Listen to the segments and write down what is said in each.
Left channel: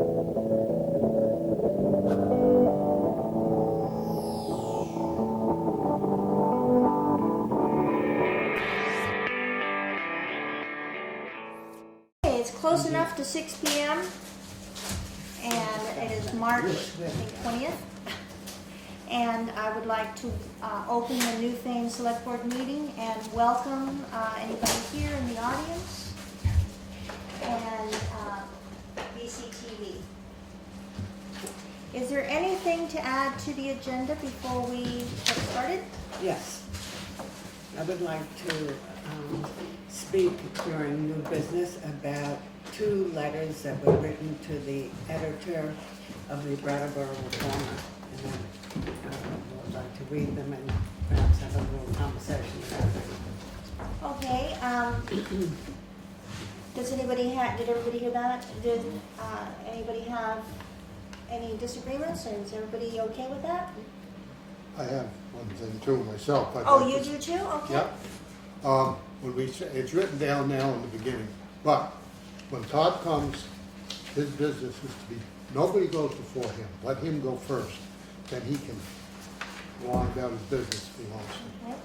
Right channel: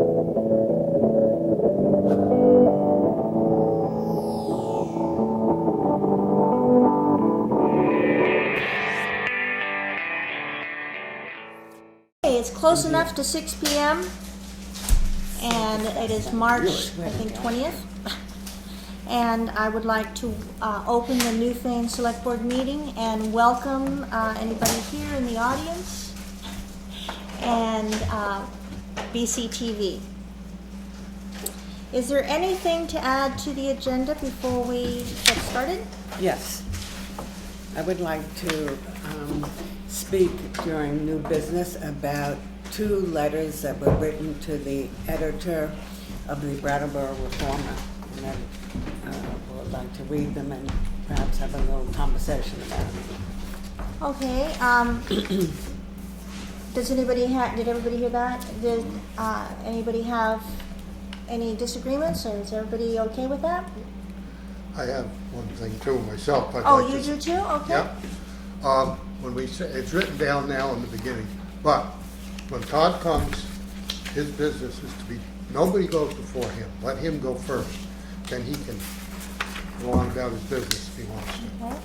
It's close enough to 6 p.m. and it is March, I think, 20th. And I would like to open the Newfane Selectboard meeting and welcome anybody here in the audience and BCTV. Is there anything to add to the agenda before we get started? Yes. I would like to speak during new business about 2 letters that were written to the editor of the Brattleboro Reformer. And I would like to read them and perhaps have a little conversation about it. Okay. Does anybody did everybody hear that? Did anybody have any disagreements, or is everybody okay with that? I have one thing too myself. Oh, you do too? Okay. Yeah. When we say, it's written down now in the beginning, but when Todd comes, his business is to be, nobody goes before him. Let him go first. Then he can go on about his business if he wants to. Okay.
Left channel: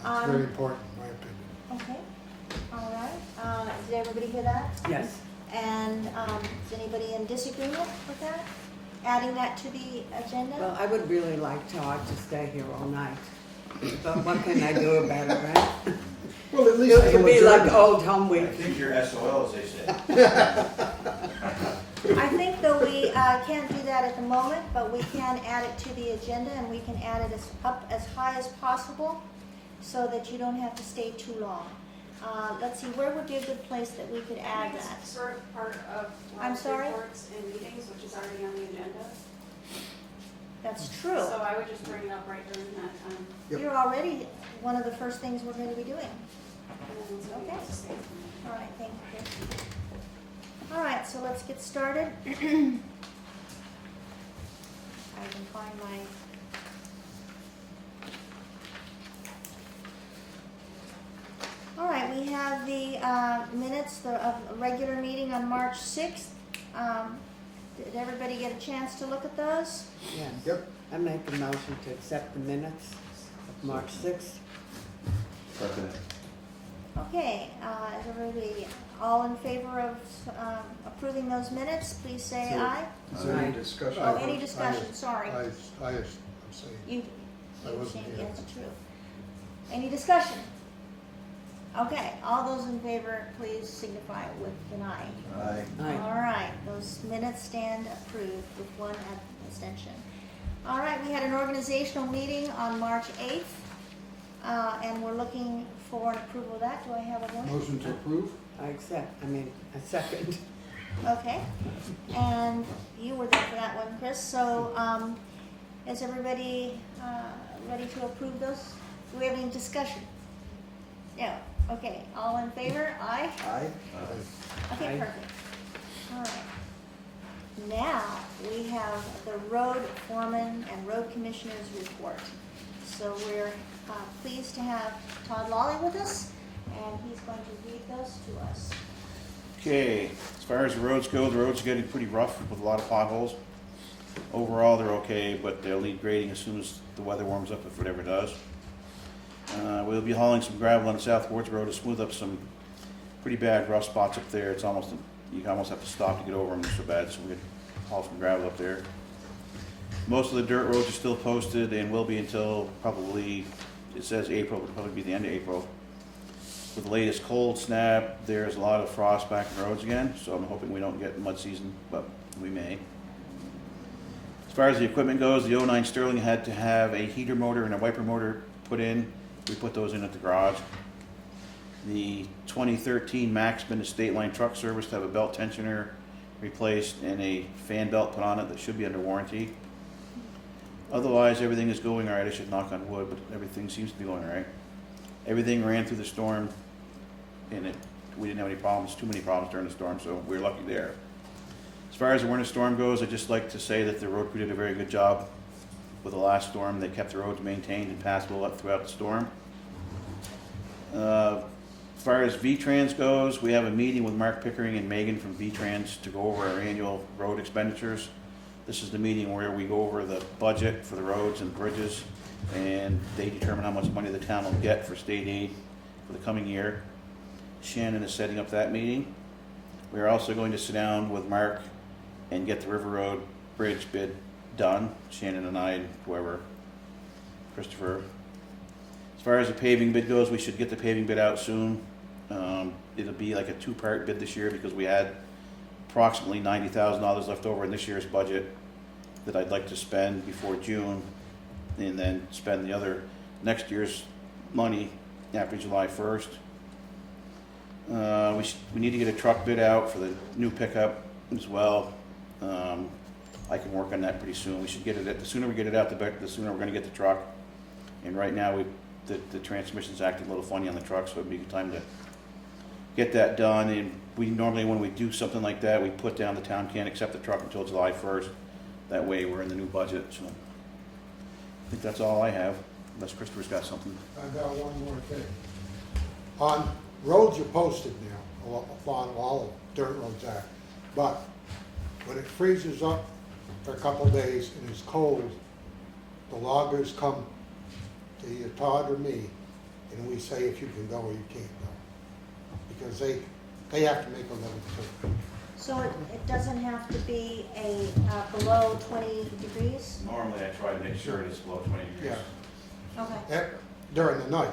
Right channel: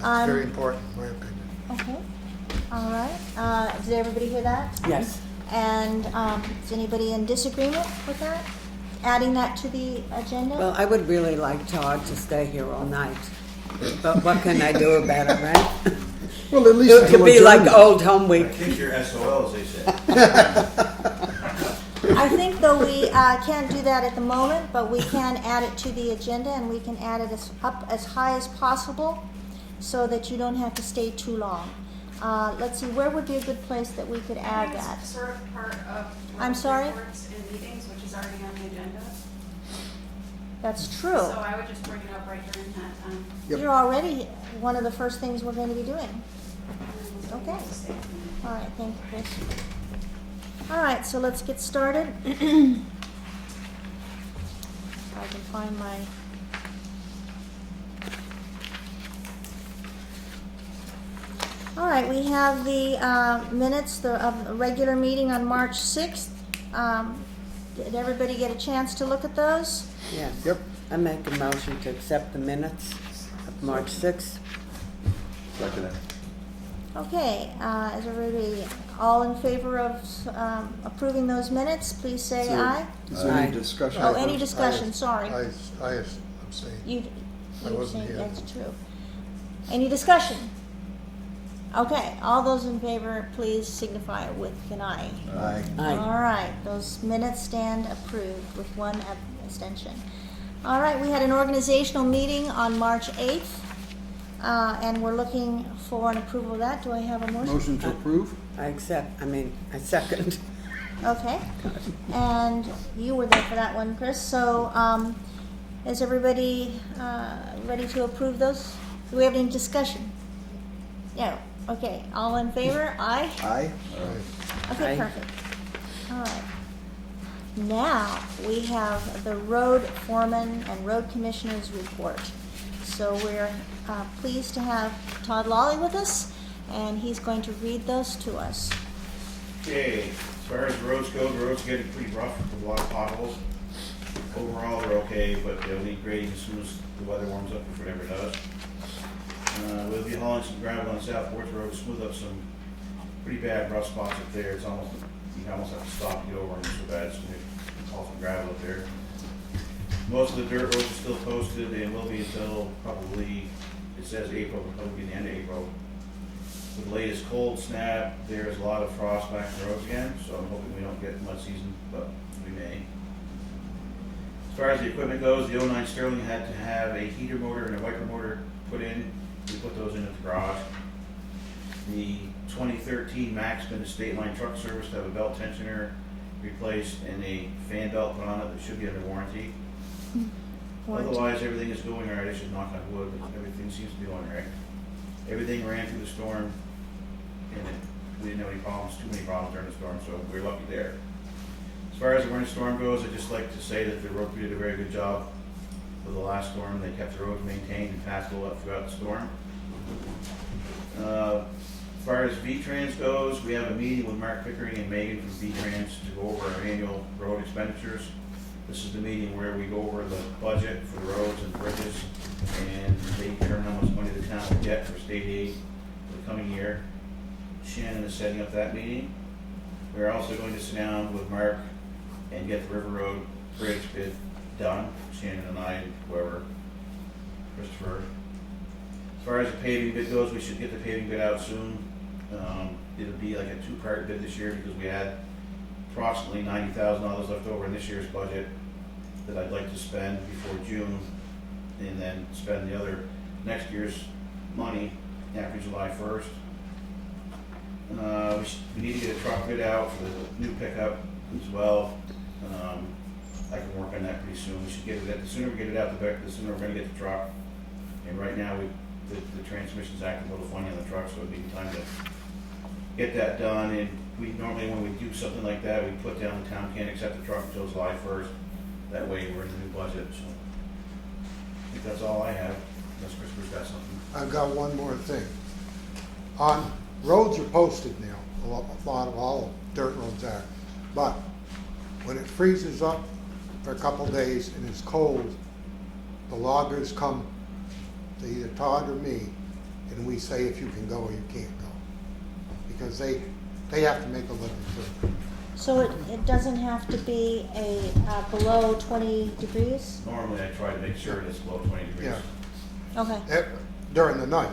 That's very important, in my opinion. Okay. All right. Did everybody hear that? Yes. And is anybody in disagreement with that? Adding that to the agenda? Well, I would really like Todd to stay here all night. But what can I do about it, right? Well, at least It could be like Old Home I Week. think you're SOL, as they say. I think though we can't do that at the moment, but we can add it to the agenda, and we can add it up as high as possible so that you don't have to stay too long. Let's see, where would be a good place that we could add that? It's sort of part of I'm sorry? reports and meetings, which is already on the agenda. That's true. So I would just bring it up right during that time. Yep. You're already one of the first things we're going to be doing. And so Okay. you just stay from there. All right, thank you, Chris. All right, so let's get started. If I can find my... All right, we have the minutes of the regular meeting on March 6th. Did everybody get a chance to look at those? Yes. Yep. I make a motion to accept the minutes of March 6th. Second it. Okay, is everybody all in favor of approving those minutes? Please say So- aye. Is there Aye. any discussion? Oh, any discussion, sorry. I abstain. You I wasn't say here. that's true. Any discussion? Okay, all those in favor, please signify with an aye. Aye. Aye. All right, those minutes stand approved with one abstention. All right, we had an organizational meeting on March 8th, and we're looking for an approval of that. Do I have a motion? Motion to approve? I second. Okay, and you were there for that one, Chris. So, is everybody ready to approve those? Do we have any discussion? No. Okay, all in favor? Aye? Aye. Okay, Aye. perfect. All right. Now, we have the road foreman and road commissioners report. So we're pleased to have Todd Lawley with us, and he's going to read those to us. Okay, as far as the roads go, the roads are getting pretty rough with a lot of potholes. Overall, they're okay, but they'll need grading as soon as the weather warms up, if it ever does. We'll be hauling some gravel on the South Wards Road to smooth up some pretty bad rough spots up there. It's almost, you almost have to stop to get over them, it's so bad, so we haul some gravel up there. Most of the dirt roads are still posted and will be until probably, it says April, it'll probably be the end of April. With the latest cold snap, there's a lot of frost back in the roads again, so I'm hoping we don't get mud season, but we may. As far as the equipment goes, the 09 Sterling had to have a heater motor and a wiper motor put in. We put those in at the garage. The 2013 Maxman Estate Line Truck Service to have a belt tensioner replaced and a fan belt put on it that should be under warranty. Otherwise, everything is going all right. I should knock on wood, but everything seems to be going all right. Everything ran through the storm, and we didn't have any problems, too many problems during the storm, so we're lucky there. As far as the winter storm goes, I'd just like to say that the road crew did a very good job with the last storm. They kept the roads maintained and passable up throughout the storm. As far as V-Trans goes, we have a meeting with Mark Pickering and Megan from V-Trans to go over our annual road expenditures. This is the meeting where we go over the budget for the roads and bridges, and they determine how much money the town will get for state aid for the coming year. Shannon is setting up that meeting. We are also going to sit down with Mark and get the River Road Bridge bid done. Shannon and I, whoever, Christopher. As far as the paving bid goes, we should get the paving bid out soon. It'll be like a two-part bid this year because we had approximately $90,000 left over in this year's budget that I'd like to spend before June, and then spend the other next year's money after July 1st. We need to get a truck bid out for the new pickup as well. I can work on that pretty soon. We should get it, the sooner we get it out, the sooner we're gonna get the truck. And right now, the transmission's acting a little funny on the truck, so it'd be time to get that done. And we normally, when we do something like that, we put down the town can't accept the truck until July 1st. That way, we're in the new budget, so I think that's all I have, unless Christopher's got something. I've got one more thing. Roads are posted now, a lot of all dirt roads are, but when it freezes up for a couple days and it's cold, the loggers come to either Todd or me, and we say if you can go or you can't go. Because they have to make a living too. So it doesn't have to be a below 20 degrees? Normally, I try to make sure it's below 20 degrees. Yeah. Okay. During the night.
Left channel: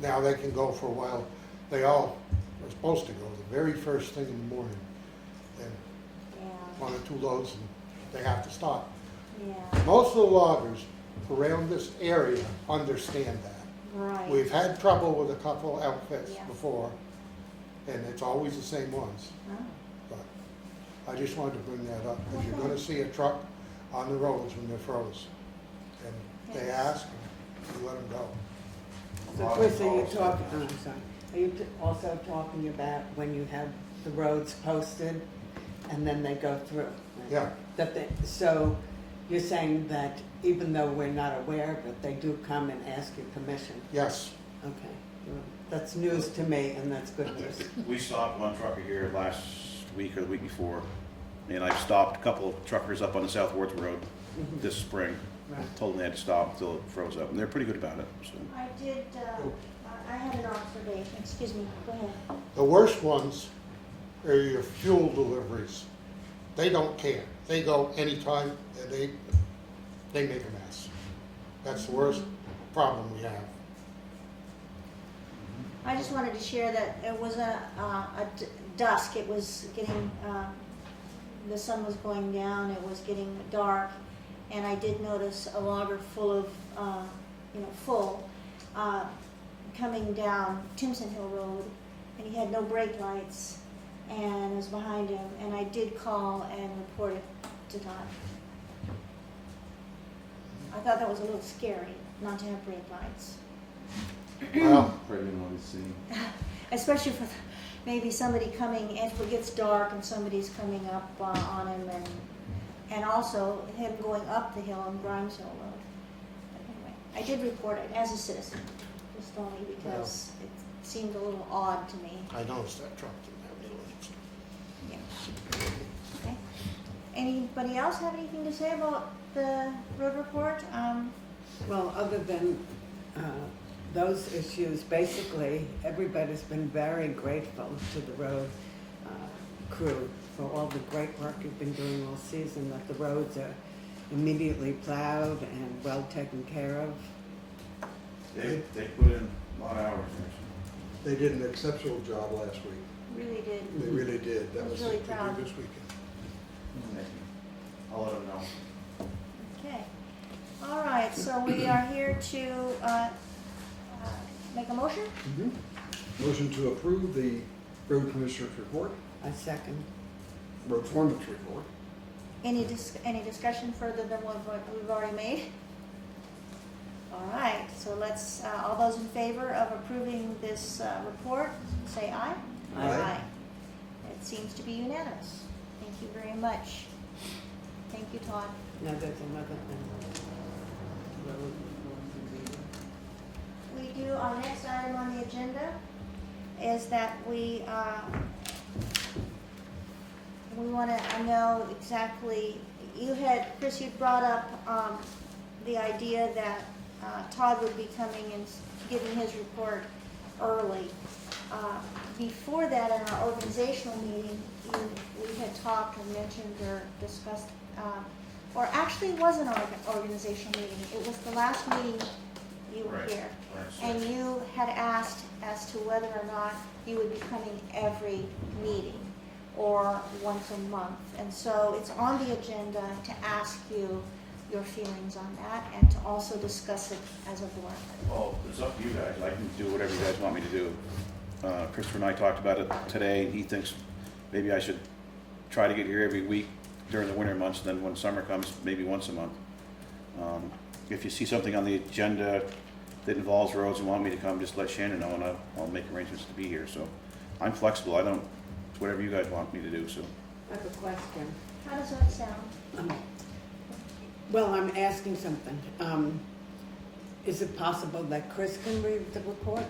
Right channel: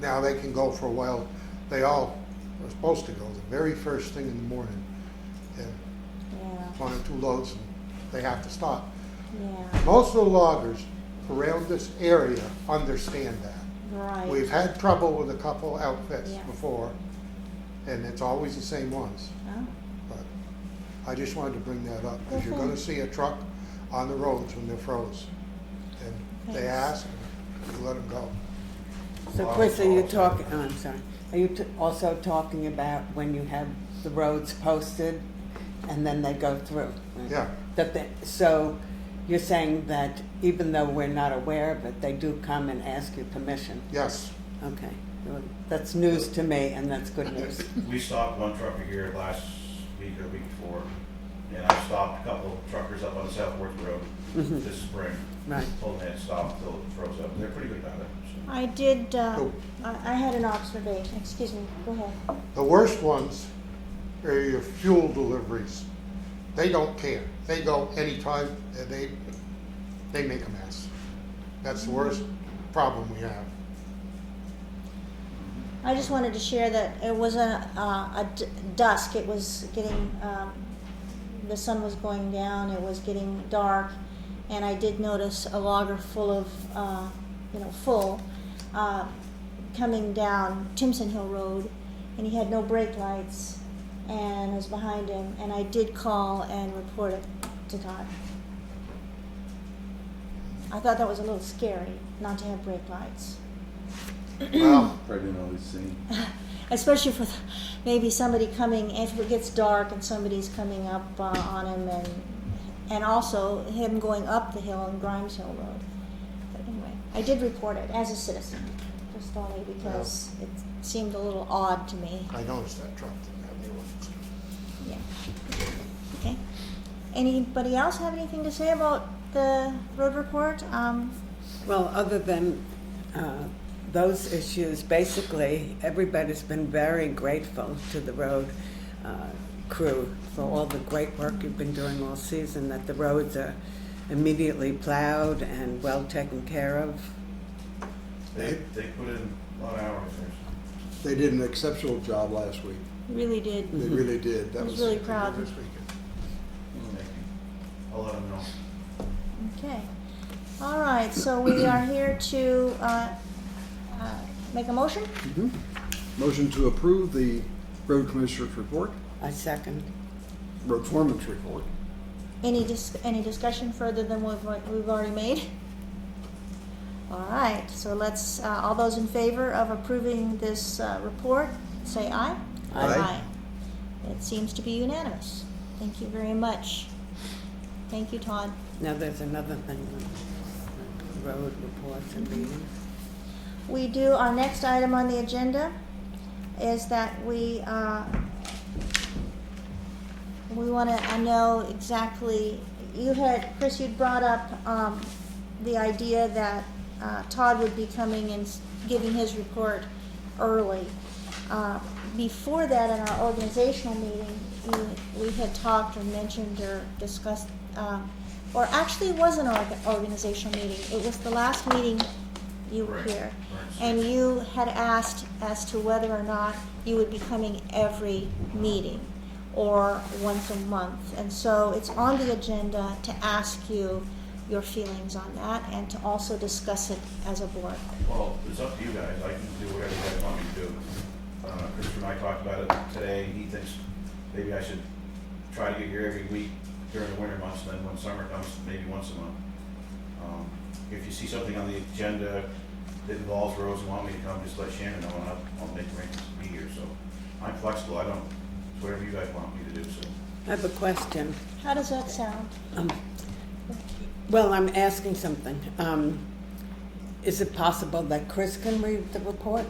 Now they can go for a while. They all are supposed to go the very first thing in the morning. And Yeah. 1 or 2 loads, and they have to stop. Yeah. Most of the loggers around this area understand that. Right. We've had trouble with a couple outfits Yeah. before, and it's always the same ones. Oh. But I just wanted to bring that up, because you're Okay. gonna see a truck on the roads when they're froze. And they Thanks. ask, and you let them go. So Chris, are you talking, oh, I'm sorry, are you also talking about when you have the roads posted and then they go through? Yeah, So you're saying that even though we're not aware of it, they do come and ask you permission? yes. Okay, well, that's news to me and that's good news. We stopped one trucker here last week or the week before, and I stopped a couple of truckers up on the South Worthing Road Mhm. this spring. Right. Told them they had to stop until it froze up, and they're pretty good about it, so. I did, Oh. I had an observation, excuse me, go ahead. The worst ones are your fuel deliveries. They don't care. They go anytime, and they make a mess. That's the worst problem we have. I just wanted to share that it was dusk, it was getting, the sun was going down, it was getting dark, and I did notice a logger full of, coming down Timson Hill Road, and he had no brake lights, and I was behind him, and I did call and report it to Todd. I thought that was a little scary, not to have brake lights. Well, Probably didn't always see. Especially for maybe somebody coming, if it gets dark and somebody's coming up on him, and also him going up the hill on Grimes Hill Road. But anyway, I did report it as a citizen, just only because it seemed a little odd to me. I noticed that truck didn't have the ordinance. Yeah. Okay. Anybody else have anything to say about the road report? Well, other than those issues, basically, everybody's been very grateful to the road crew for all the great work you've been doing all season, that the roads are immediately plowed and well taken care of. They put in a lot of hours there. They did an exceptional job last week. Really did. They really did. I was really proud. This weekend. Thank you. I'll let them know. Okay. All right, so we are here to make a motion? Motion to approve the road commissioner's report, I second. road foreman's report. Any discussion further than what we've already made? All right, so let's, all those in favor of approving this report, say aye. Aye. It seems to be unanimous. Thank you very much. Thank you, Todd. Now, there's another thing, road reports and meetings. We do our next item on the agenda is that we want to know exactly, Chris, you'd brought up the idea that Todd would be coming and giving his report early. Before that, in our organizational meeting, we had talked or mentioned or discussed, or actually it wasn't an organizational meeting, it was the last meeting you were Right. here. And you had asked as to whether or not you would be coming every meeting or once a month. And so it's on the agenda to ask you your feelings on that and to also discuss it as a board. Well, it's up to you guys. I can do whatever you guys want me to do. Christopher and I talked about it today. He thinks maybe I should try to get here every week during the winter months, then when summer comes, maybe once a month. If you see something on the agenda that involves roads and want me to come, just let Shannon know and I'll make arrangements to be here. So I'm flexible. It's whatever you guys want me to do, so. I have a question. How does that sound? Well, I'm asking something. Is it possible that Chris can read the report?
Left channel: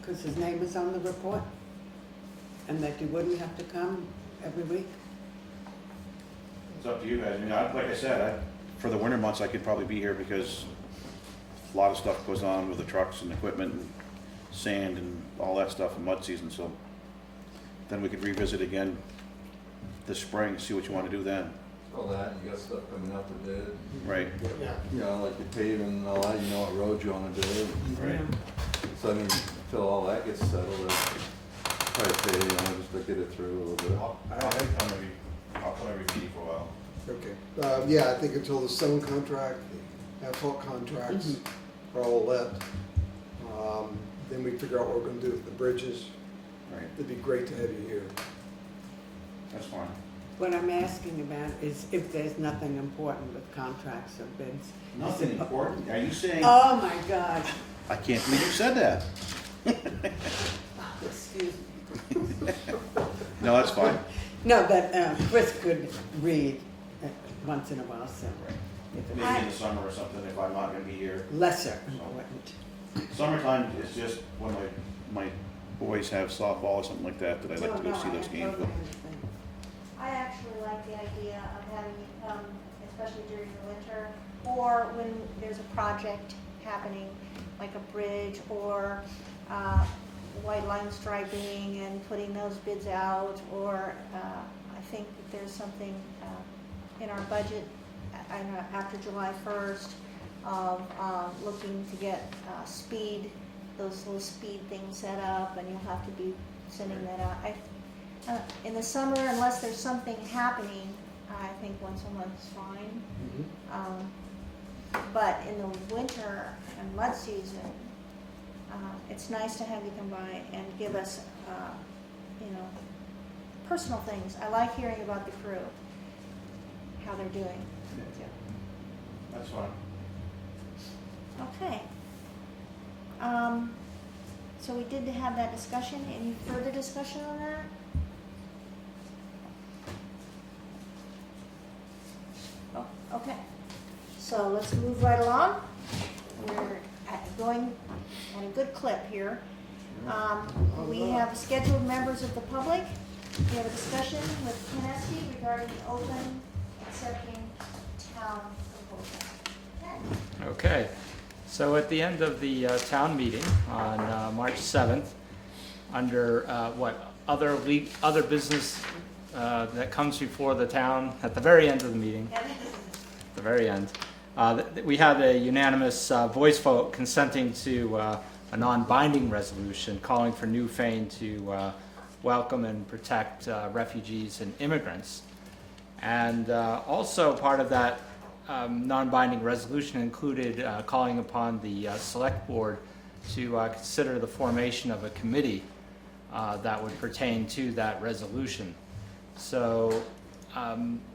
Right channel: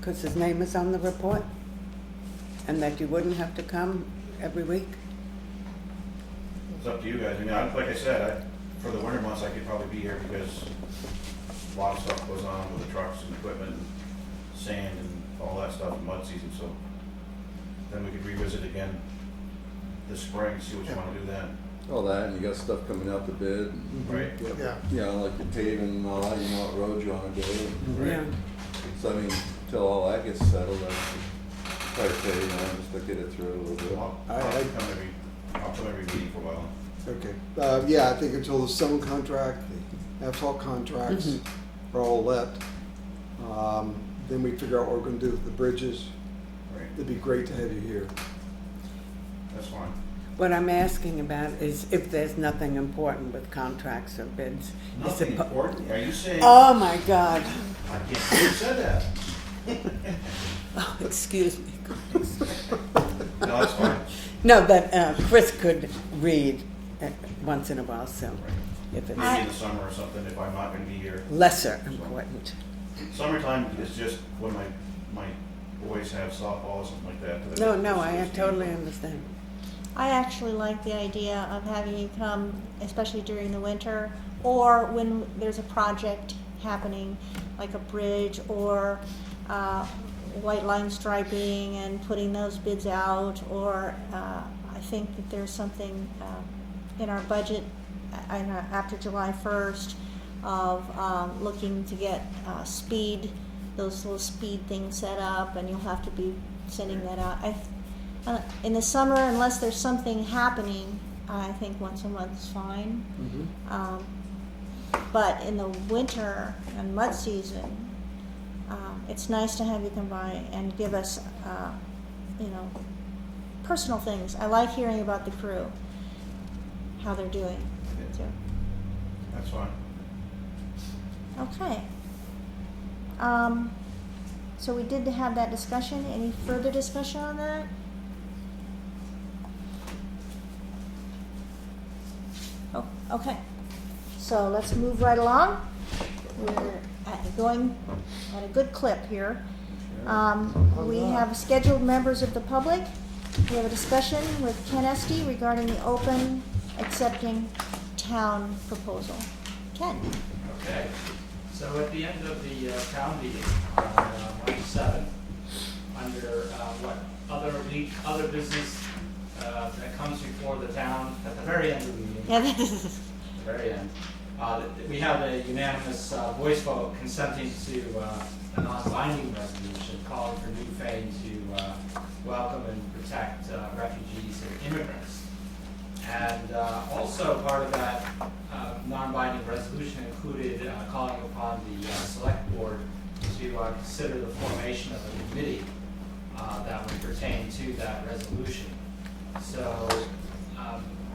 Because his name is on the report? And that you wouldn't have to come every week? It's up to you guys. I mean, like I said, for the winter months, I could probably be here because a lot of stuff goes on with the trucks and equipment and sand and all that stuff in mud season, so then we could revisit again this spring, see what you want to do then, All that, you got stuff coming out the bid, right? Yeah. you know, like the paving and all that, you know what roads you wanna do. Yeah. So I mean, until all that gets settled, I try to say, you know, just to get it through a little bit. I'll come every meeting for a while. Okay, yeah, I think until the stone contract, the asphalt contracts are all let, then we figure out what we're gonna do with the bridges. Right, It'd be great to have you here. that's fine. What I'm asking about is if there's nothing important with contracts or bids. Nothing important. Are you saying? Oh, my God. I can't believe you said that. Oh, excuse me. No, that's fine. No, but Chris could read once in a while, so if it's Maybe in the summer or something if I'm not gonna be here. lesser important. Summertime is just when my boys have softball or something like that. I No, get to no, go see I this game. totally understand. I actually like the idea of having you come, especially during the winter, or when there's a project happening, like a bridge or white line striping and putting those bids out, or I think that there's something in our budget after July 1st of looking to get those little speed things set up, and you'll have to be sending that out. In the summer, unless there's something happening, I think once a month is fine. But in the winter and mud season, it's nice to have you come by and give us, personal things. I like hearing about the crew, how they're doing. Yeah, that's fine. Okay. So we did have that discussion. Any further discussion on that? Oh, okay. So let's move right along. We're going at a good clip here. We have scheduled members of the public. We have a discussion with Ken Estey regarding the open accepting town proposal. Ken? Okay, so at the end of the town meeting on March 7th, under other business that comes before the town, at the very end of the meeting, Yeah, this is the very end, we had a unanimous voice vote consenting to a non-binding resolution calling for Newfane to welcome and protect refugees and immigrants. And also part of that non-binding resolution included calling upon the select board to consider the formation of a committee that would pertain to that resolution. So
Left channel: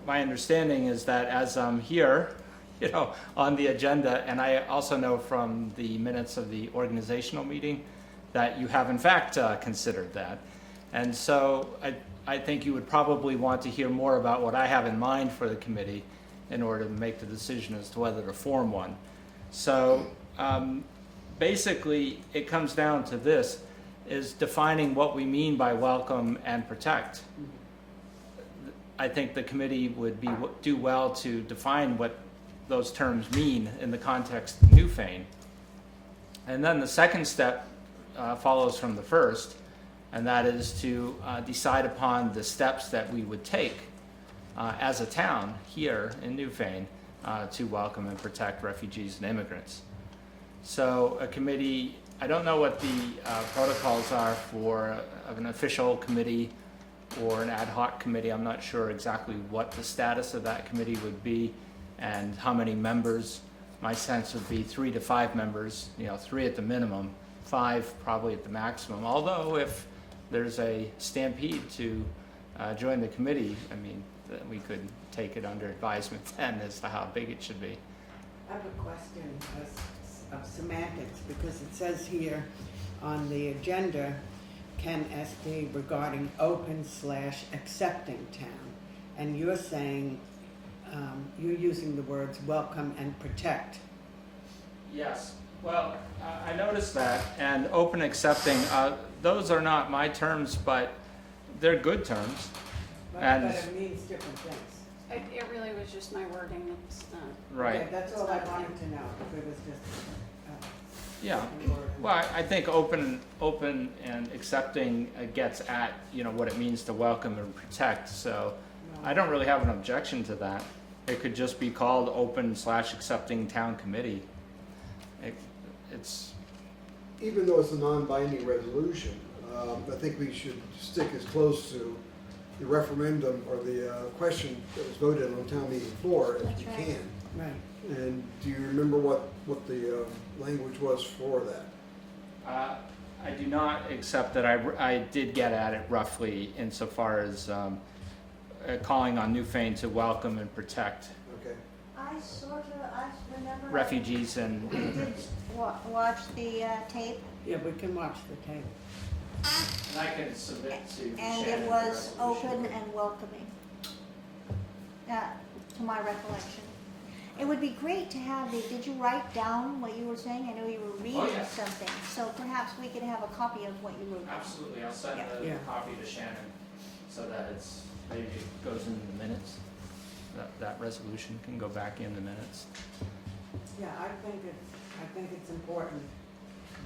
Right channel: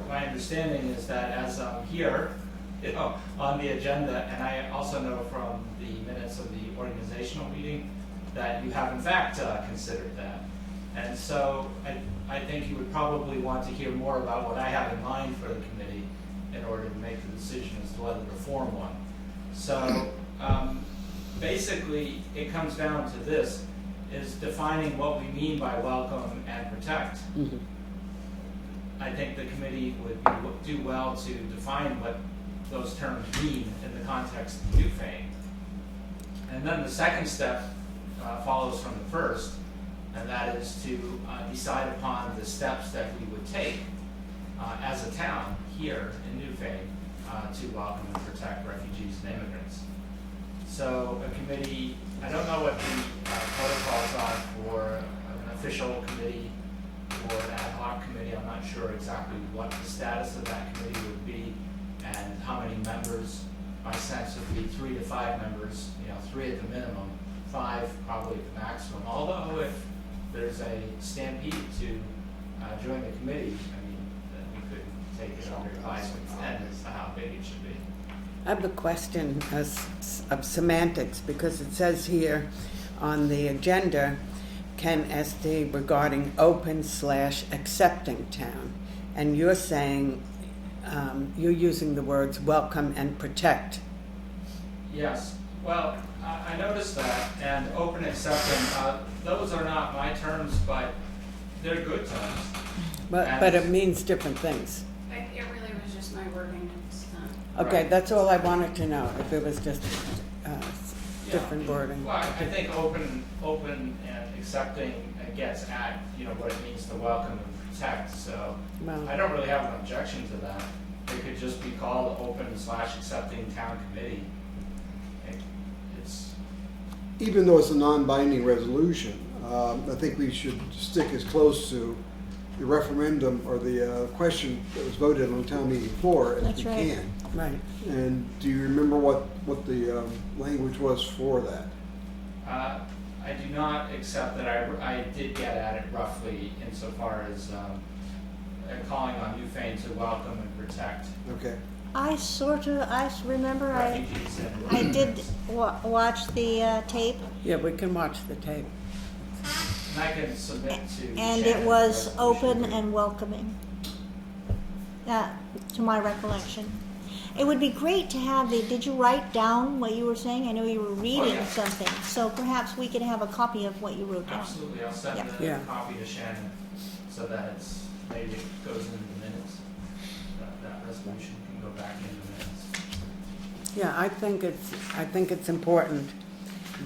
my understanding is that as I'm here, on the agenda, and I also know from the minutes of the organizational meeting that you have in fact considered that. And so I think you would probably want to hear more about what I have in mind for the committee in order to make the decision as to whether to form one. So basically it comes down to this, is defining what we mean by welcome and protect. Mhm. I think the committee would do well to define what those terms mean in the context of Newfane. And then the second step follows from the first, and that is to decide upon the steps that we would take as a town here in Newfane to welcome and protect refugees and immigrants. So a committee, I don't know what the protocols are for an official committee or an ad hoc committee. I'm not sure exactly what the status of that committee would be and how many members. My sense would be 3 to 5 members, 3 at the minimum, 5 probably at the maximum. Although if there's a stampede to join the committee, then we could take it under advisement then as to how big it should be. I have a question of semantics, because it says here on the agenda, Ken Estey regarding open/accepting town. And you're saying, you're using the words welcome and protect. Yes, well, I noticed that, and open accepting, those are not my terms, but they're good terms. But it means different things. It really was just my wording. It's not. Okay, Right. that's all I wanted to know, if it was just Yeah. different wording. Well, I think open and accepting gets at, what it means to welcome and protect, so Well, I don't really have an objection to that. It could just be called open/accepting town committee. It's, Even though it's a non-binding resolution, I think we should stick as close to the referendum or the question that was voted on town meeting floor as That's we right. can. right. And do you remember what the language was for that? I do not accept that. I did get at it roughly insofar as calling on Newfane to welcome and protect Okay. I remember refugees and. I did watch the tape, Yeah, we can watch the tape. And I can submit to and Shannon it was the open resolution. and welcoming, to my recollection. It would be great to have did you write down what you were saying? I know you were reading yeah. something, so perhaps we could have a copy of what you wrote down. Absolutely, I'll send Yep. the Yeah. copy to Shannon so that maybe it goes into the minutes. That resolution can go back in the minutes. Yeah, I think it's important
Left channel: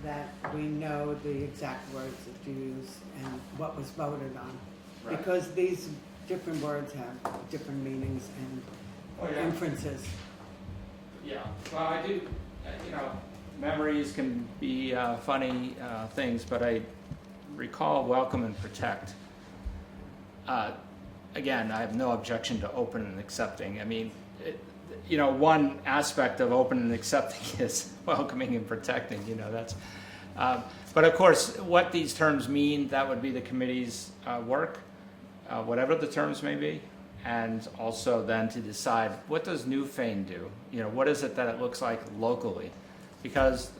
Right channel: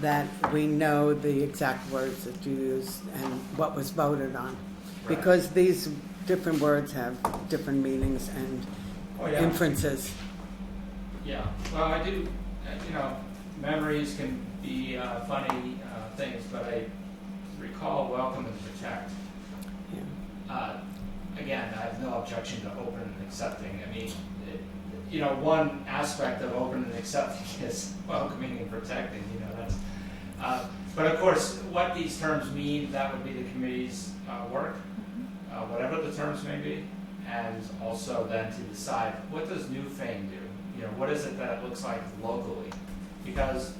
that we know the exact words that you used and what was voted on. Right. Because these different words have different meanings and Oh, yeah. inferences. Yeah, well, I do, memories can be funny things, but I recall welcome and protect. Yeah. Again, I have no objection to open and accepting. One aspect of open and accepting is welcoming and protecting, that's. But of course, what these terms mean, that would be the committee's work, whatever the terms may be. And also then to decide, what does Newfane do? What is it that it looks like locally? Because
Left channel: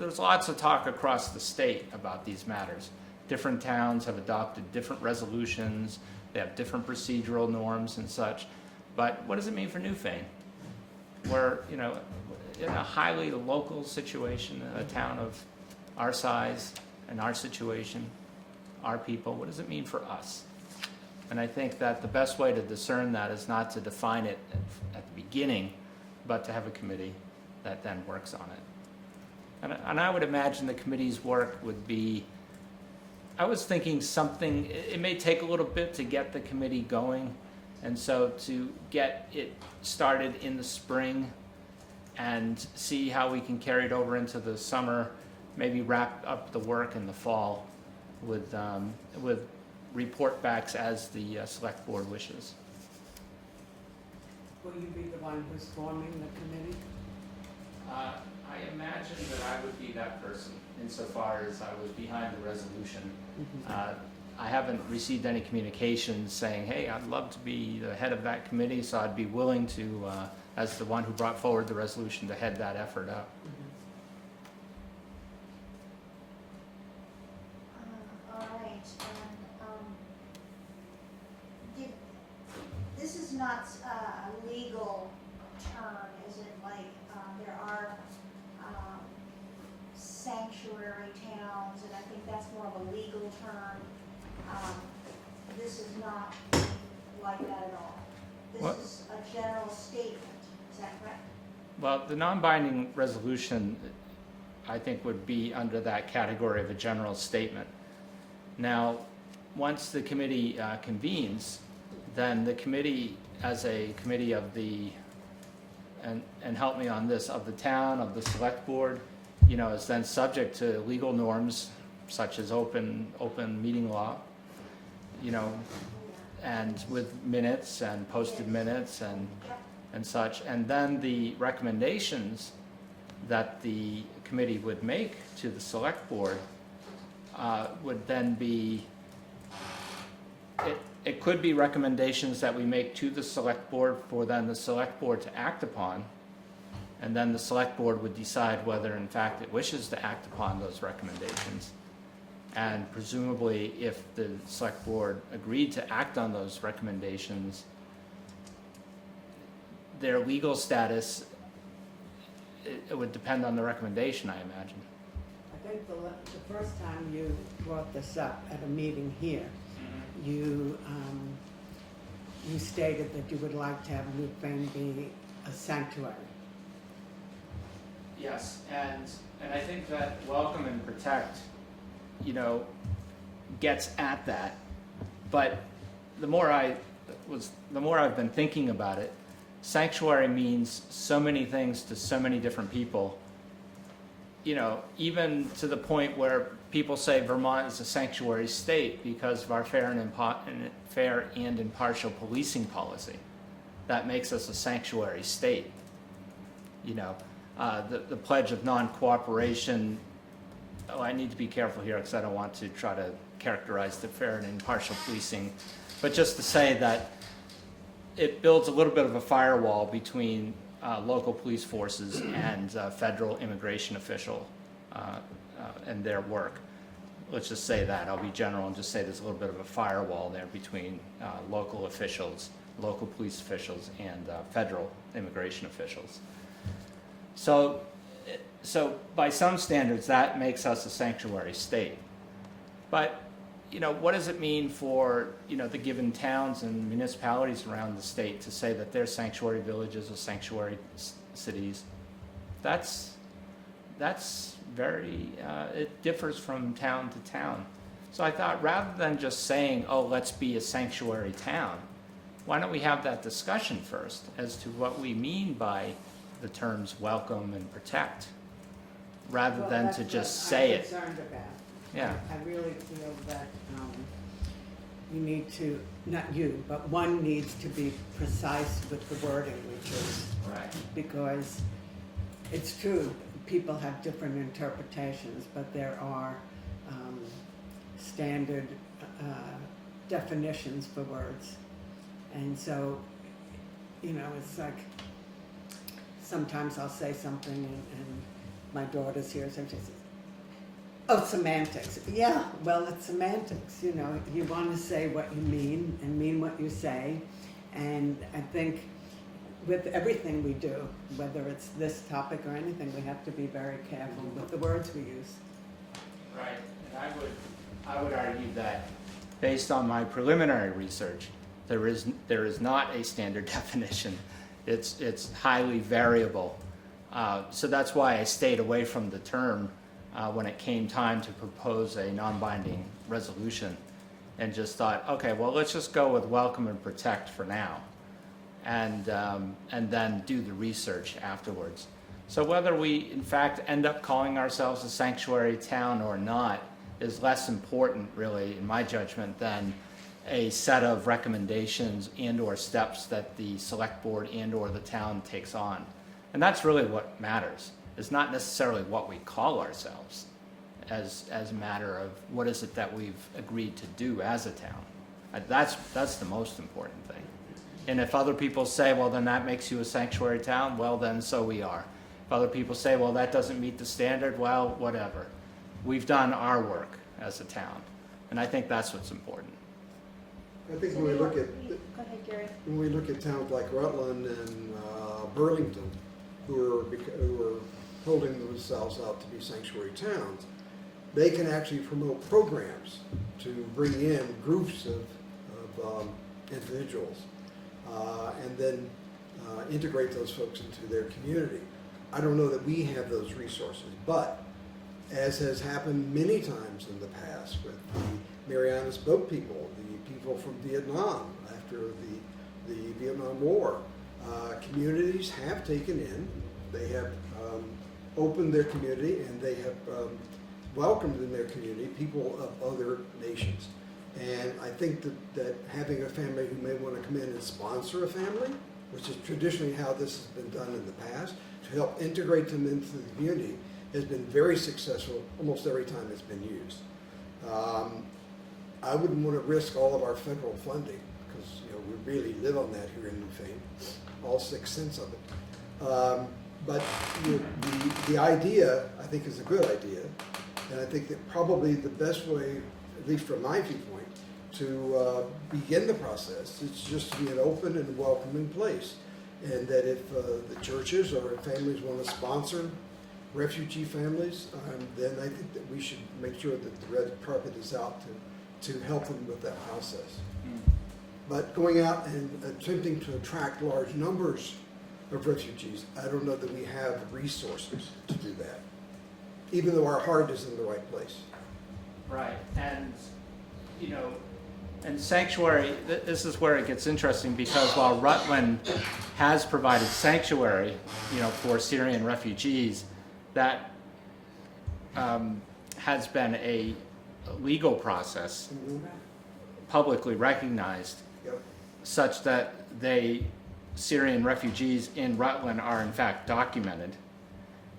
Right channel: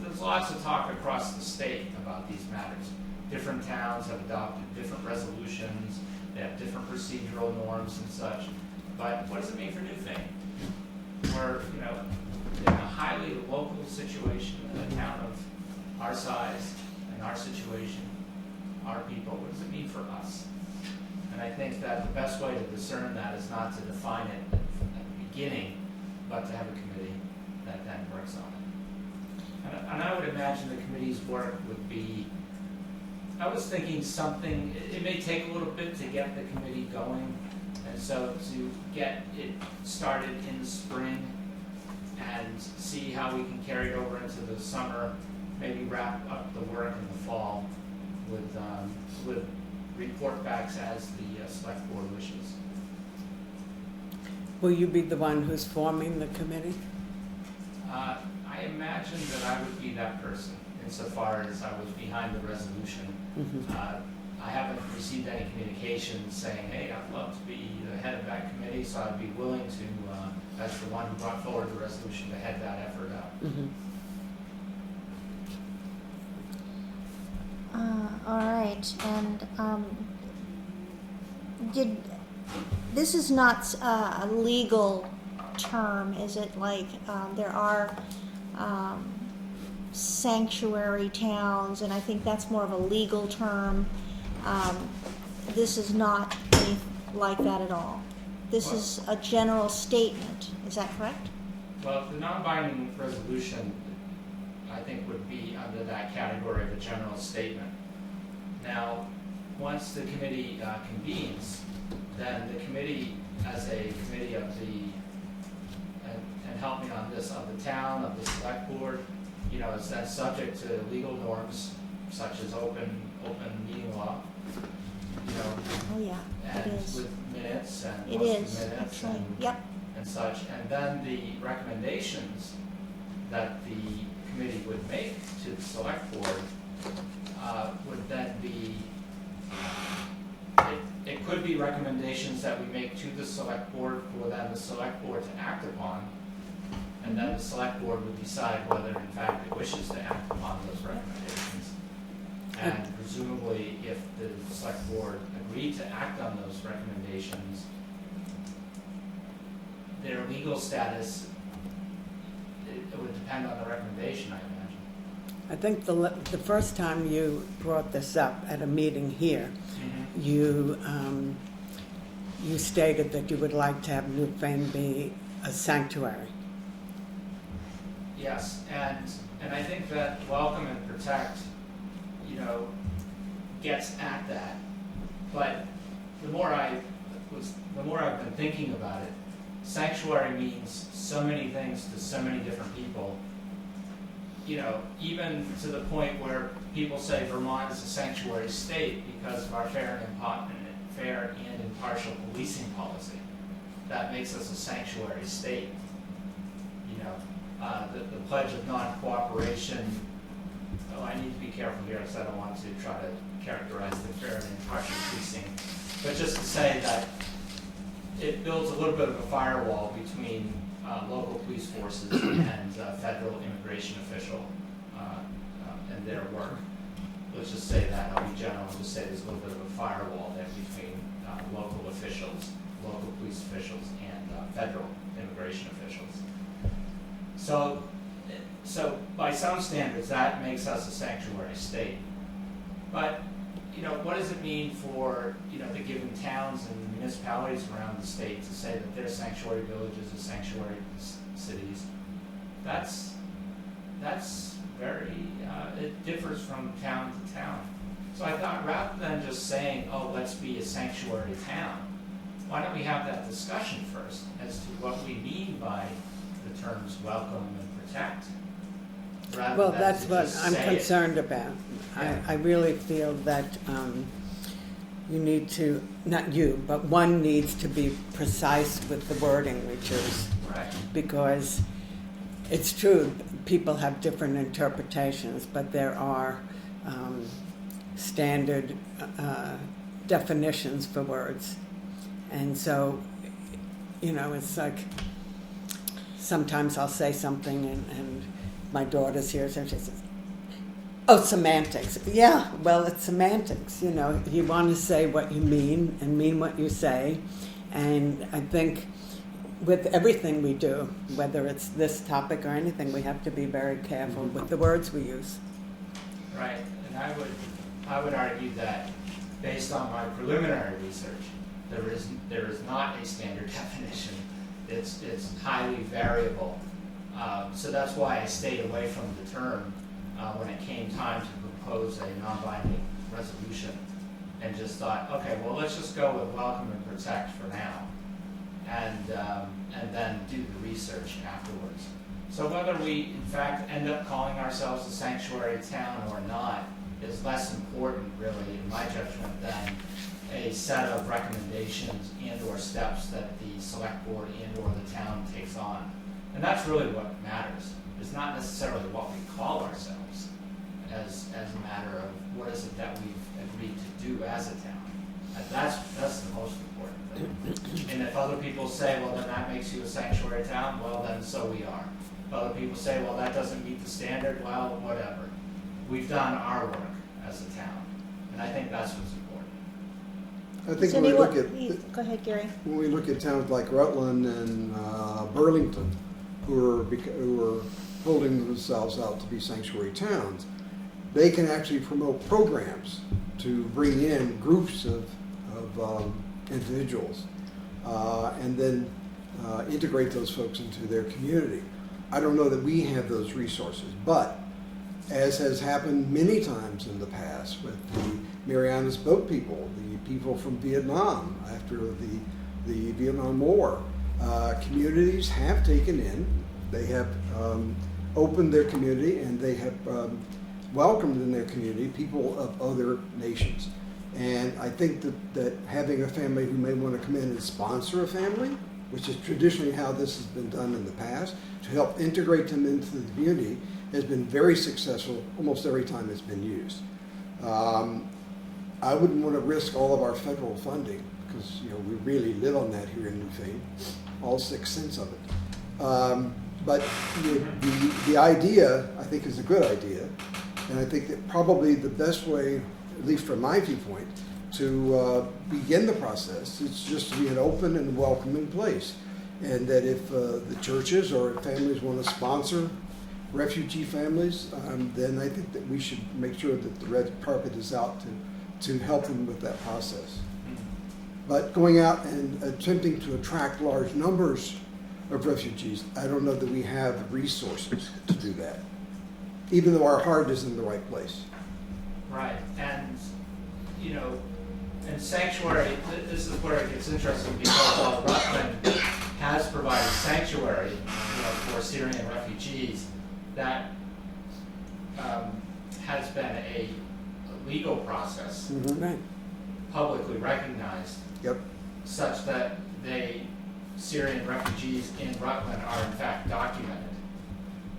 there's lots of talk across the state about these matters. Different towns have adopted different resolutions, they have different procedural norms and such. But what does it mean for Newfane? We're, in a highly local situation, in a town of our size and our situation, our people, what does it mean for us? And I think that the best way to discern that is not to define it at the beginning, but to have a committee that then works on it. And I would imagine the committee's work would be, I was thinking something, it may take a little bit to get the committee going, and so to get it started in the spring and see how we can carry it over into the summer, maybe wrap up the work in the fall with report backs as the select board wishes. Will you be the one who's forming the committee? I imagine that I would be that person insofar as I was behind the resolution. Mhm. I haven't received any communications saying, hey, I'd love to be the head of that committee, so I'd be willing to, as the one who brought forward the resolution, to head that effort up. Mhm. All right, and this is not a legal term, is it? Like there are sanctuary towns, and I think that's more of a legal term. This is not anything like that at all. This Well- is a general statement, is that correct? Well, the non-binding resolution, I think, would be under that category of a general statement. Now, once the committee convenes, then the committee, as a committee of the, and help me on this, of the town, of the select board, you know, is then subject to legal norms such as open meeting law, you know, Oh, yeah, it and is. with minutes and It posted is, minutes that's right. and Yep, and such, and then the recommendations that the committee would make to the select board would then be, it could be recommendations that we make to the select board for then the select board to act upon, and then the select board would decide whether in fact it wishes to act upon those recommendations. And presumably, if the select board agreed to act on those recommendations, their legal status, it would depend on the recommendation, I imagine. I think the first time you brought this up at a meeting here, you stated that you would like to have Newfane be a sanctuary. Yes, and I think that welcome and protect, you know, gets at that. But the more I've been thinking about it, sanctuary means so many things to so many different people. You know, even to the point where people say Vermont is a sanctuary state because of our fair and impartial policing policy. That makes us a sanctuary state. You know, the pledge of non-cooperation. Oh, I need to be careful here because I don't want to try to characterize the fair and impartial policing, but just to say that it builds a little bit of a firewall between local police forces and federal immigration official and their work. Let's just say that. I'll be general and just say there's a little bit of a firewall there between local officials, local police officials, and federal immigration officials. So by some standards, that makes us a sanctuary state. But you know, what does it mean for, you know, the given towns and municipalities around the state to say that they're sanctuary villages or sanctuary cities? That's very, it differs from town to town. So I thought rather than just saying, oh, let's be a sanctuary town, why don't we have that discussion first as to what we mean by the terms welcome and protect, rather Well, than that's to what just I'm say it. concerned about. Yeah. I really feel that you need to, not you, but one needs to be precise with the wording we choose. Right. Because it's true, people have different interpretations, but there are standard definitions for words. And so, you know, it's like, sometimes I'll say something and my daughter's here, so she says, oh, semantics. Yeah, well, it's semantics. You know, you want to say what you mean and mean what you say. And I think with everything we do, whether it's this topic or anything, we have to be very careful with the words we use. Right, and I would argue that based on my preliminary research, there is not a standard definition. It's highly variable. So that's why I stayed away from the term when it came time to propose a non-binding resolution, and just thought, okay, well, let's just go with welcome and protect for now, and then do the research afterwards. So whether we in fact end up calling ourselves a sanctuary town or not is less important, really, in my judgment, than a set of recommendations and or steps that the select board and or the town takes on. And that's really what matters. It's not necessarily what we call ourselves as a matter of what is it that we've agreed to do as a town. That's the most important thing. And if other people say, well, then that makes you a sanctuary town, well, then so we are. If other people say, well, that doesn't meet the standard, well, whatever. We've done our work as a town, and I think that's what's important. I think when Cindy, we look at, go ahead, Gary. when we look at towns like Rutland and Burlington, who are holding themselves out to be sanctuary towns, they can actually promote programs to bring in groups of individuals and then integrate those folks into their community. I don't know that we have those resources, but as has happened many times in the past with the Marianas Boat people, the people from Vietnam after the Vietnam War, communities have taken in, they have opened their community, and they have welcomed in their community people of other nations. And I think that having a family who may want to come in and sponsor a family, which is traditionally how this has been done in the past, to help integrate them into the community, has been very successful almost every time it's been used. I wouldn't want to risk all of our federal funding, because we really live on that here in Newfane, all 6 cents of it. But the idea, I think, is a good idea, and I think that probably the best way, at least from my viewpoint, to begin the process is just to be an open and welcoming place. And that if the churches or families want to sponsor refugee families, then I think that we should make sure that the red carpet is out to help them with that process. But going out and attempting to attract large numbers of refugees, I don't know that we have resources to do that, even though our heart is in the right place. Right, and, and sanctuary, this is where it gets interesting, because while Rutland has provided sanctuary, for Syrian refugees, that has been a legal process, Right. publicly recognized, Yep. such that Syrian refugees in Rutland are in fact documented.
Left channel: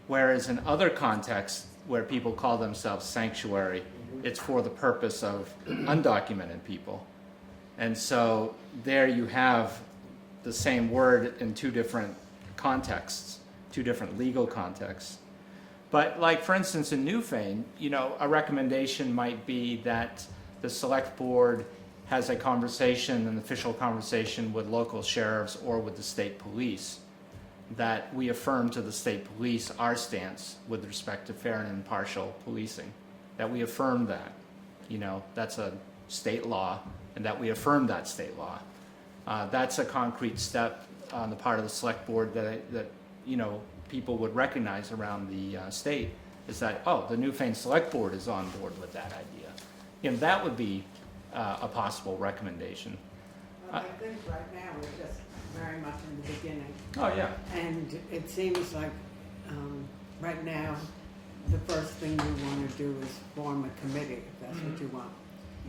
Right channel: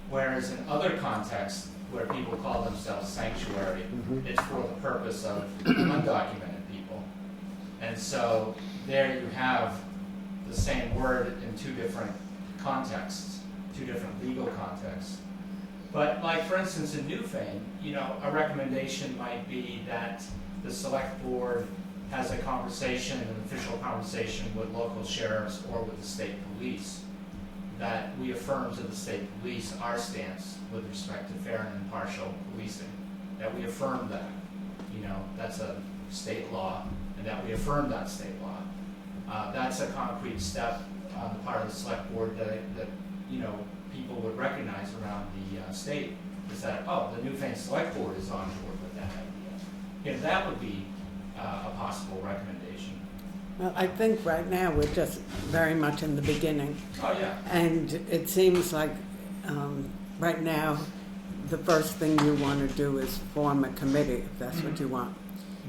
Whereas in other contexts where people call themselves sanctuary, it's for the purpose of undocumented people. And so there you have the same word in 2 different contexts, 2 different legal contexts. But like, for instance, in Newfane, a recommendation might be that the select board has a conversation, an official conversation with local sheriffs or with the state police, that we affirm to the state police our stance with respect to fair and impartial policing, that we affirm that, that's a state law, and that we affirm that state law. That's a concrete step on the part of the select board that people would recognize around the state, is that, the Newfane Selectboard is on board with that idea. That would be a possible recommendation. Well, I think right now we're just very much in the beginning. Oh, yeah. And it seems like right now, the first thing you want to do is form a committee, if that's what you want.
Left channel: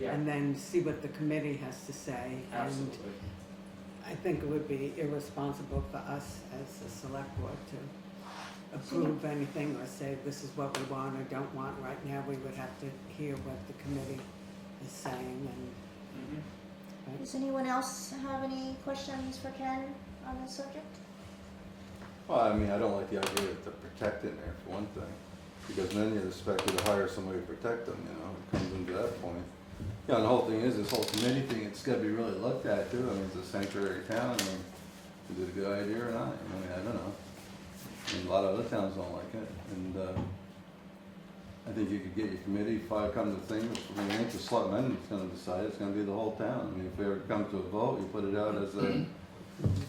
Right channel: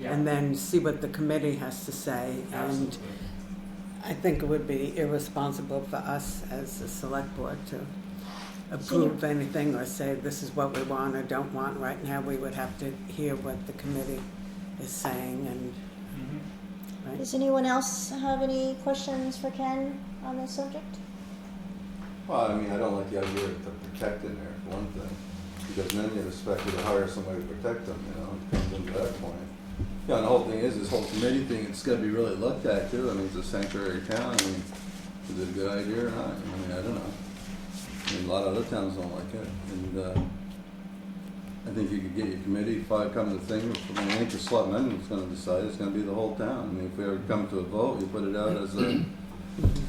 Yeah. And then see what the committee has to say. Absolutely. And I think it would be irresponsible for us as the select board to approve anything or say this is what we want or don't want. Right now, we would have to hear what the committee is saying. And right? Does anyone else have any questions for Ken on this subject? Well, I mean, I don't like the idea of the protect in there, for one thing, because then you're expected to hire somebody to protect them, comes to that point. And the whole thing is, this whole committee thing, it's gotta be really looked at too. I mean, it's a sanctuary town, is it a good idea or not? I don't know. A lot of other towns don't like it, and I think you could get your committee, 5 comes a thing, it ain't the selectmen that's gonna decide, it's gonna be the whole town. I mean, if we ever come to a vote, you put it out as a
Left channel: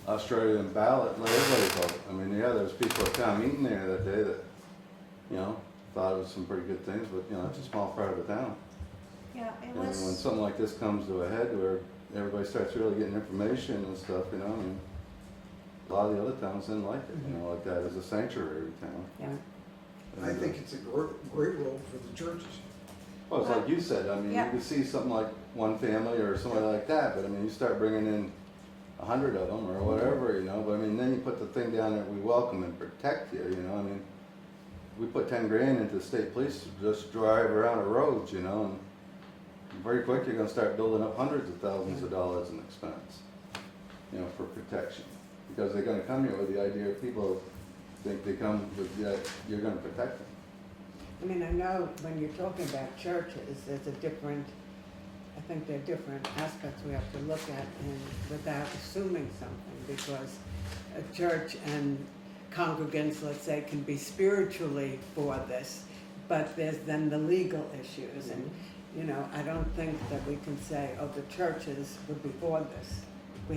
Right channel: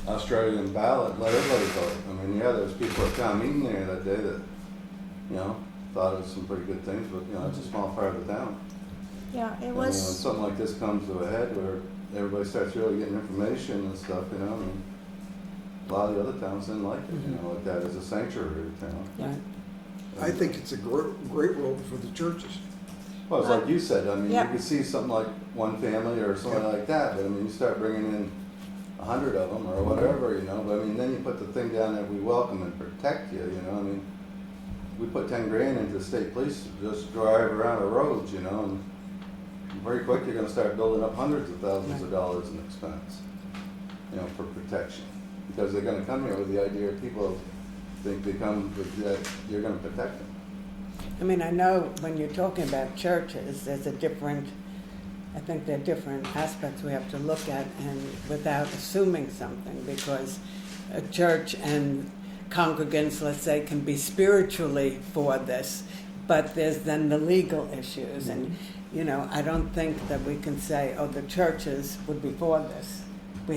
Australian ballot, let everybody vote. I mean, yeah, there's people at town meeting there that day that, thought it was some pretty good things, but, it's a small part of the town. Yeah, it And when was, something like this comes to a head where everybody starts really getting information and stuff, a lot of the other towns didn't like it, like that as a sanctuary town. Yeah. I think it's a great role for the churches. Well, it's like you said, I mean, you Yeah. could see something like one family or something like that, but I mean, you start bringing in 100 of them or whatever, but I mean, then you put the thing down that we welcome and protect you, I mean, we put 10 grand into the state police to just drive around the roads, and very quick you're gonna start building up hundreds of thousands of dollars in expense, for protection. Because they're gonna come here with the idea of people think they come with that you're gonna protect them. I mean, I know when you're talking about churches, there's I think there are different aspects we have to look at, and without assuming something, because a church and congregants, let's say, can be spiritually for this, but there's then the legal issues, and, you know, I don't think that we can say, oh, the churches would be for this. We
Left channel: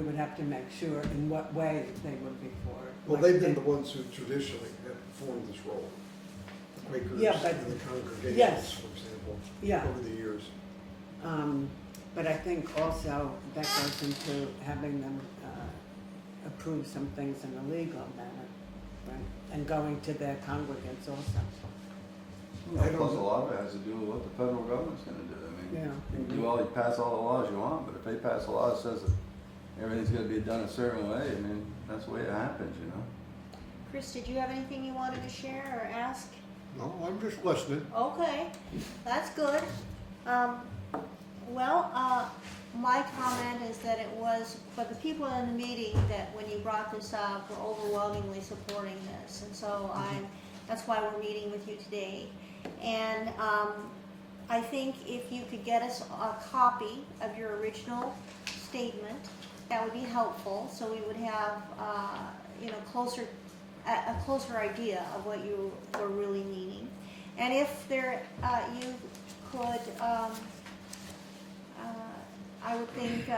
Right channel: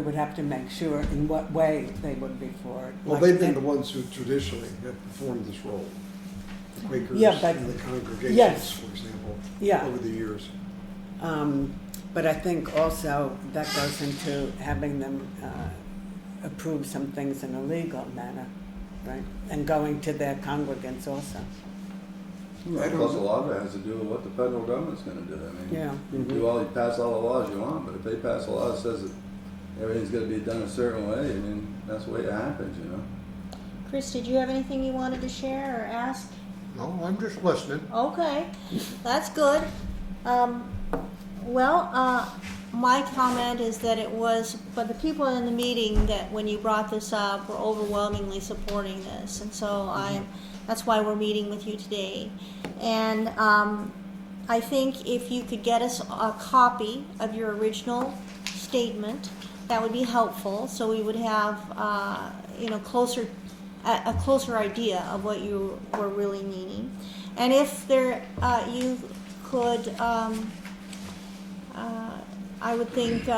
would have to make sure in what way they would be for it. Well, Like they've been they- the ones who traditionally have performed this role. The Quakers Yeah, but- and the congregations, yes. for example, Yeah. over the years. But I think also that goes into having them approve some things in a legal manner, right? And going to their congregants also. I Plus, a don't- lot of it has to do with what the federal government's gonna do. I mean, Yeah. you pass all the laws you want, but if they pass a law that says that everything's gonna be done a certain way, I mean, that's the way it happens, you know? Chris, did you have anything you wanted to share or ask? No, I'm just listening. Okay, that's good. My comment is that it was, but the people in the meeting that when you brought this up were overwhelmingly supporting this, and so that's why we're meeting with you today. And I think if you could get us a copy of your original statement, that would be helpful, so we would have, a closer idea of what you were really meaning. And if you could, I would think,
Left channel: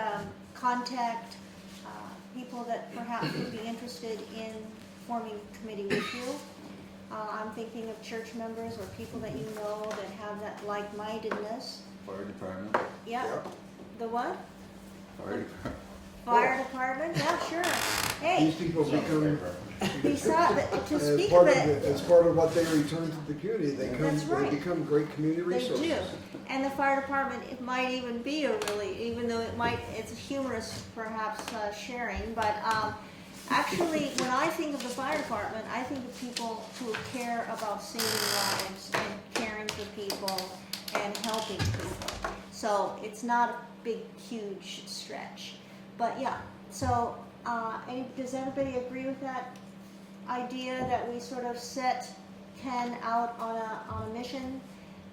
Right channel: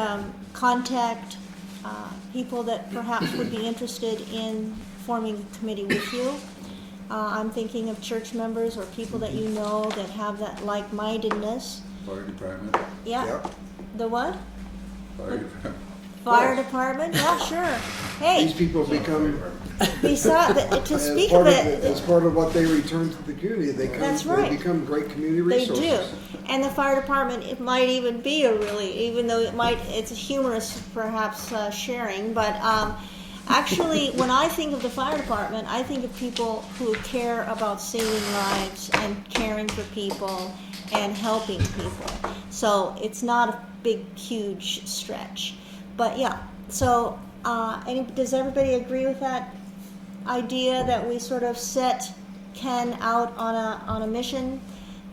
contact people that perhaps would be interested in forming a committee with you. I'm thinking of church members or people that you know that have that like-mindedness. Fire department, Yeah. Yep. The what? fire department. Fire department? Yeah, sure. Hey, These people become, to as speak part of of, it, as part of what they return to the community, That's they right. become great community they resources. do. And the fire department, it might even be even though it's a humorous perhaps sharing, but actually, when I think of the fire department, I think of people who care about saving lives and caring for people and helping people. So it's not a big, huge stretch. But yeah, so does everybody agree with that idea that we sort of set Ken out on a mission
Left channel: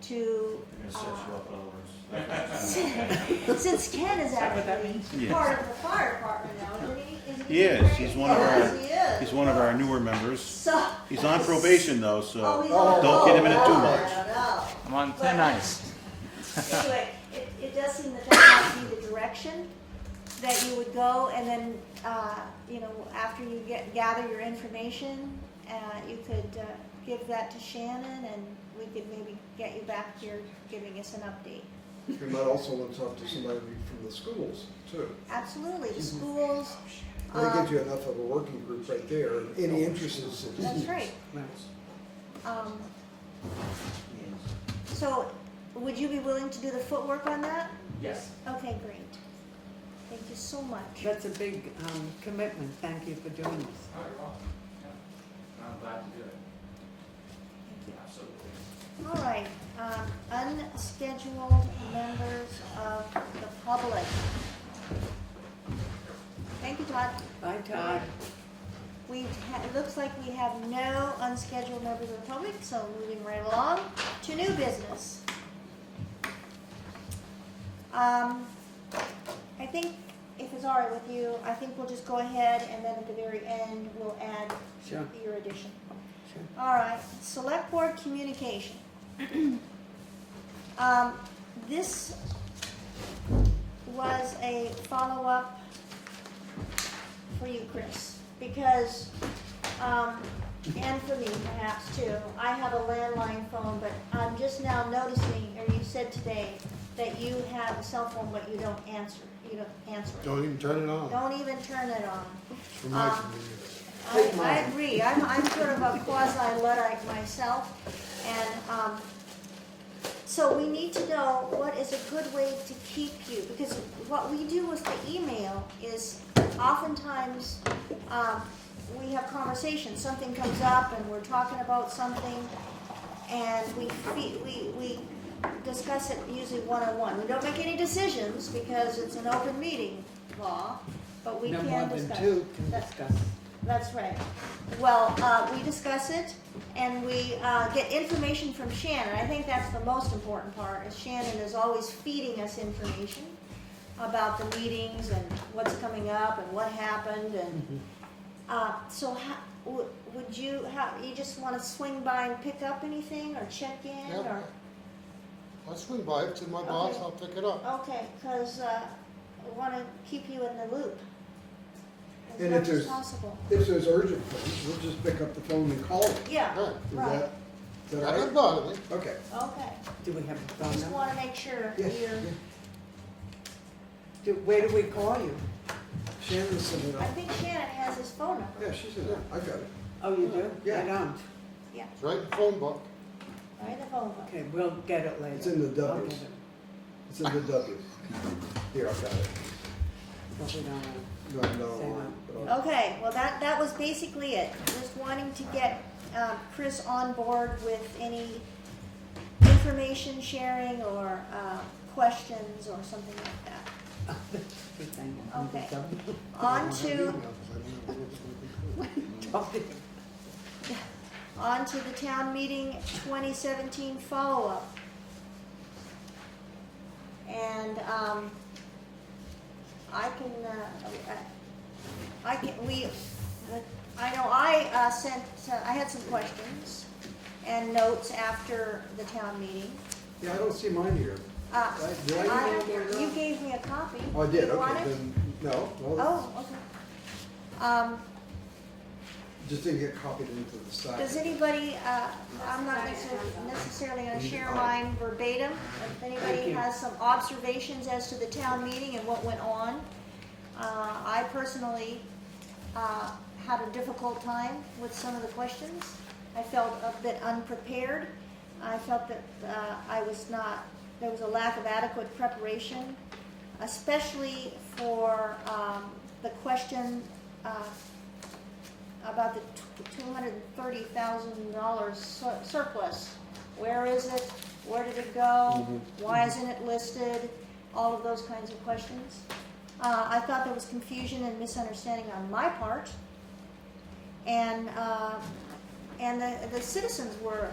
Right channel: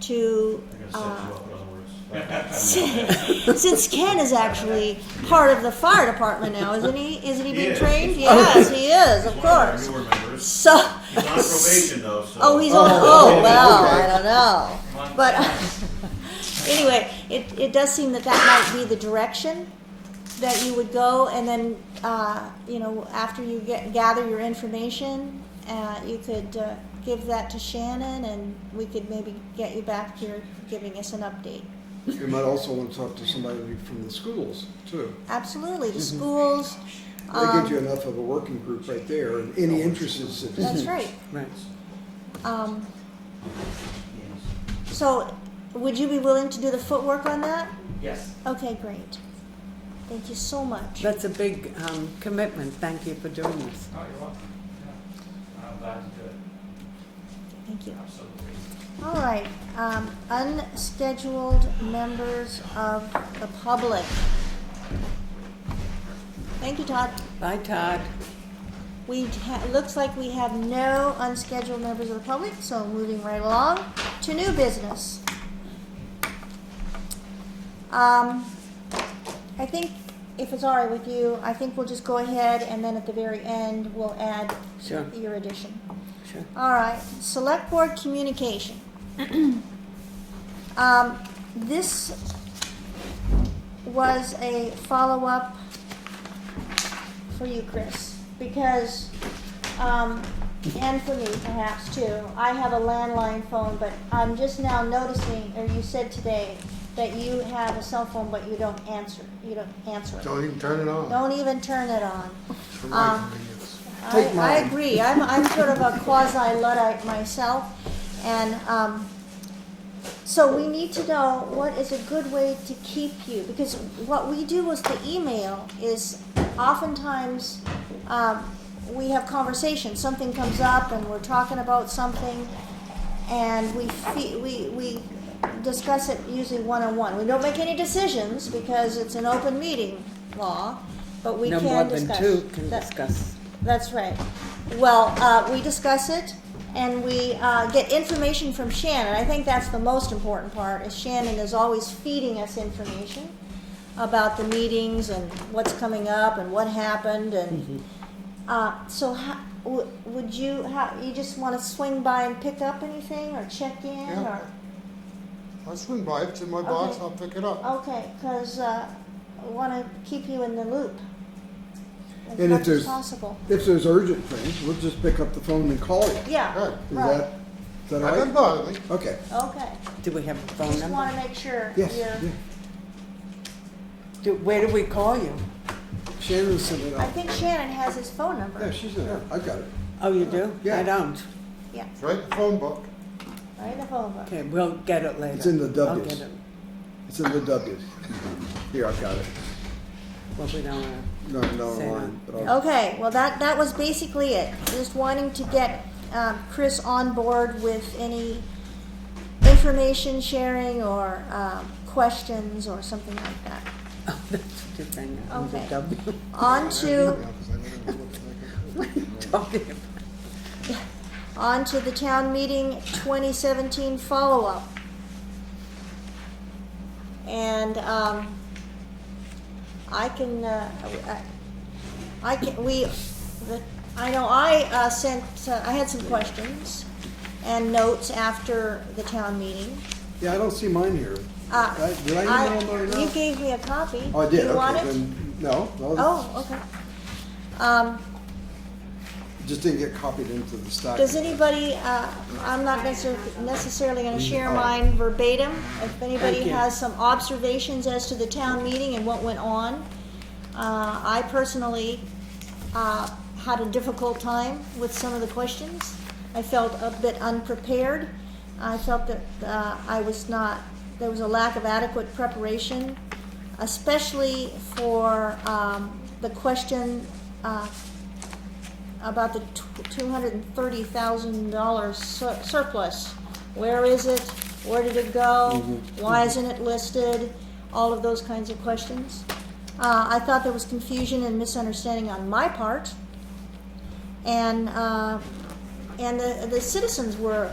to since Ken is actually part of the fire department now, isn't he? Isn't he being Yes. trained? Yes, he is, He's of one of our course. newer members. So, He's on probation though, so. oh, he's on. Oh well, I don't know. Come on, But guys. anyway, it does seem that might be the direction that you would go, and then after you gather your information, you could give that to Shannon, and we could maybe get you back here giving us an update. You might also want to talk to somebody from the schools, too. Absolutely, the schools. That gives you enough of a working group right there, and any interested citizens. That's right. Right. So, would you be willing to do the footwork on that? Yes. Okay, great. Thank you so much. That's a big commitment. Thank you for doing this. Oh, you're welcome. Yeah. I'm glad to do it. Thank you. Absolutely. All right, unscheduled members of the public. Thank you, Todd. Bye, Todd. It looks like we have no unscheduled members of the public, so moving right along to new business. I think, if it's all right with you, I think we'll just go ahead and then at the very end, we'll add Sure. your addition. Sure. All right, Selectboard Communication. This was a follow-up for you, Chris, because, and for me perhaps too, I have a landline phone, but I'm just now noticing, or you said today, that you have a cell phone, but you don't answer it. Don't even turn it on. Don't even turn it on. For my convenience. Take I mine. agree. I'm sort of a quasi-Luddite myself, and so we need to know what is a good way to keep you, because what we do with the email is oftentimes we have conversations. Something comes up, and we're talking about something, and we discuss it usually one-on-one. We don't make any decisions because it's an open meeting law, but we No can more discuss. than two can That- discuss. That's right. Well, we discuss it, and we get information from Shannon. I think that's the most important part, is Shannon is always feeding us information about the meetings and what's coming up and what happened. And so would you, you just wanna swing by and pick up anything, or check in, Yeah. or? I'll swing by, if it's in my box, Okay. I'll pick it up. Okay, cause, I wanna keep you in the loop as And if much as there's- possible. If there's urgent things, we'll just pick up the phone and call you. Yeah, Right. Is right, that That all doesn't right? bother me. Okay. okay. Do we have a phone Just number? wanna make sure Yes, you're, yeah. Where do we call you? Shannon sent it I out. think Shannon has his phone number. Yeah, she's in it. I got it. Oh, you do? Yeah. I don't. Yeah, It's right in the phone book. right in the phone book. Okay, we'll get it later. It's in the I'll W's. get it. It's in the W's. Here, I got it. Well, we don't No, Say online. But I'll- Okay, well, that was basically it. Just wanting to get Chris on board with any information sharing or questions or something like that. Oh, that's a good thing. Okay. W. On to, Talking. on to the town meeting 2017 follow-up. And I can, I know I sent, I had some questions and notes after the town meeting. Yeah, I don't see mine here. Did I email mine You out? gave me a copy. Oh, I did, You want okay, it? then, no, Oh, okay. just didn't get copied into the stack. Does anybody, I'm not necessarily gonna share Oh. mine verbatim. If Thank anybody you. has some observations as to the town meeting and what went on. I personally, had a difficult time with some of the questions. I felt a bit unprepared. I felt that, there was a lack of adequate preparation, especially for, the question, about the $230,000 surplus. Where is it? Where did it go? Why isn't it listed? All of those kinds of questions. I thought there was confusion and misunderstanding on my part. And the citizens were,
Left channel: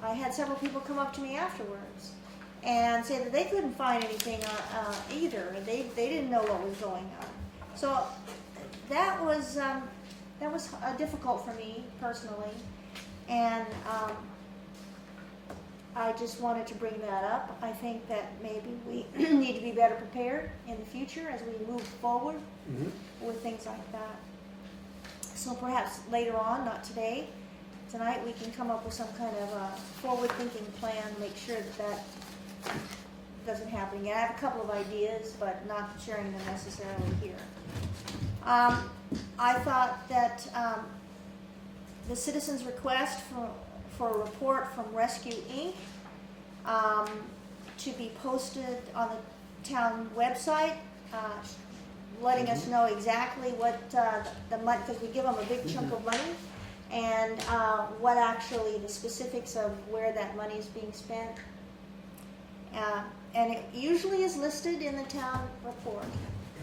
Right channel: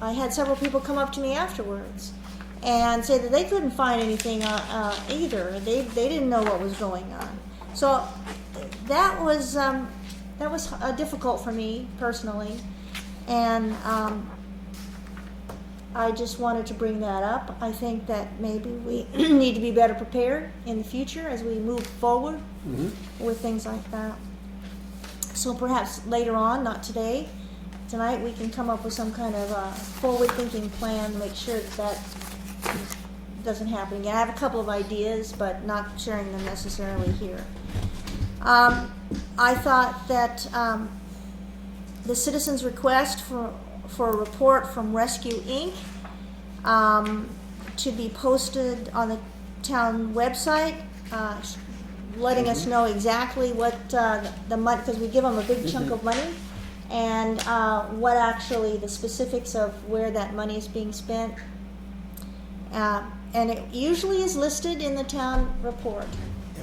I had several people come up to me afterwards and say that they couldn't find anything either. They didn't know what was going on. So that was difficult for me personally, and I just wanted to bring that up. I think that maybe we need to be better prepared in the future as we move forward with things like that. So perhaps later on, not today, tonight, we can come up with some kind of forward-thinking plan, make sure that doesn't happen again. I have a couple of ideas, but not sharing them necessarily here. I thought that the citizens' request for a report from Rescue Inc. To be posted on the town website, letting us know exactly what the money, because we give them a big chunk of money, and what actually the specifics of where that money is being spent. And it usually is listed in the town report.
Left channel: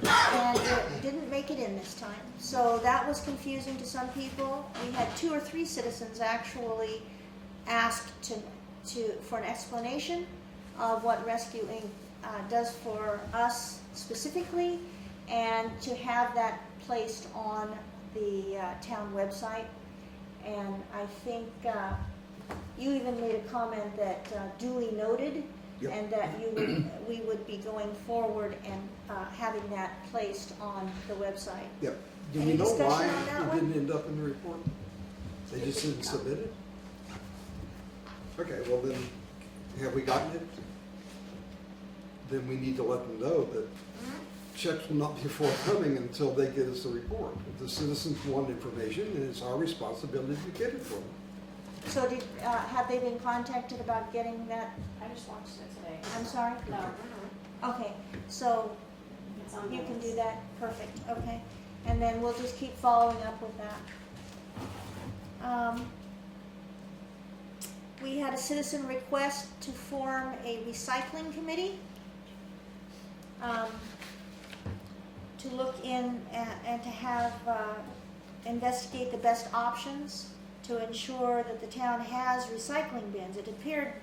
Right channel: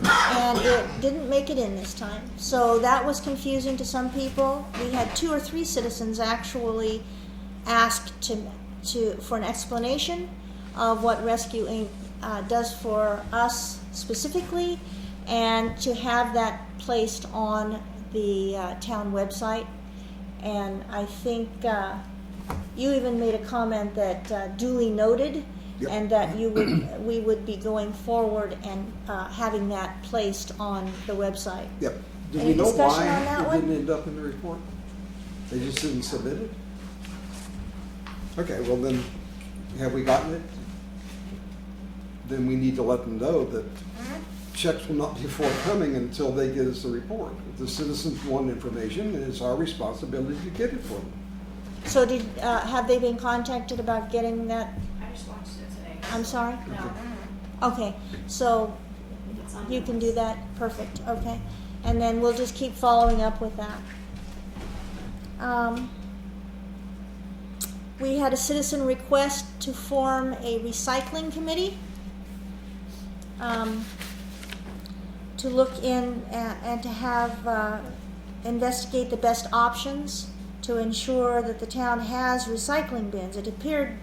And it didn't make it in this time. So that was confusing to some people. We had 2 or 3 citizens actually ask for an explanation of what Rescue Inc. Does for us specifically, and to have that placed on the town website. And I think you even made a comment that duly noted. Yep. And that we would be going forward and having that placed on the website. Yep. Do Any we know discussion why on that it one? didn't end up in the report? They just didn't submit it? Okay, well then, have we gotten it? Then we need to let them know that checks will not be forthcoming until they get us a report. If the citizens want information, it's our responsibility to get it for them. So have they been contacted about getting that? I just watched it today. I'm sorry? No. Okay, so It's on you the can do list. that, perfect, okay. And then we'll just keep following up with that. We had a citizen request to form a recycling committee, to look in and to have, investigate the best options to ensure that the town has recycling bins. It appeared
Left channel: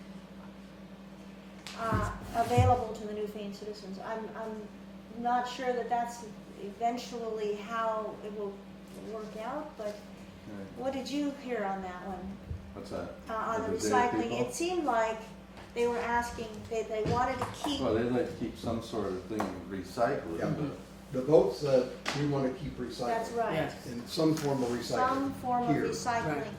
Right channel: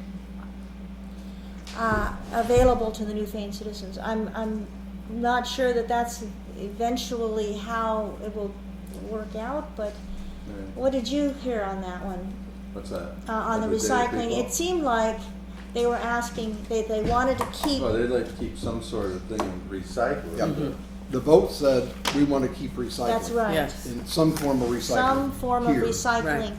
available to the Newfane citizens. I'm not sure that that's eventually how it will work out, but What did you hear on that one? What's that? On the Everyday recycling, people? it seemed like they were asking, they wanted to keep, Well, they'd like to keep some sort of thing recycled. Yeah. but- The vote said we want to keep recycling. that's right. Yes. In some form of recycling. Some form of here. recycling. Right.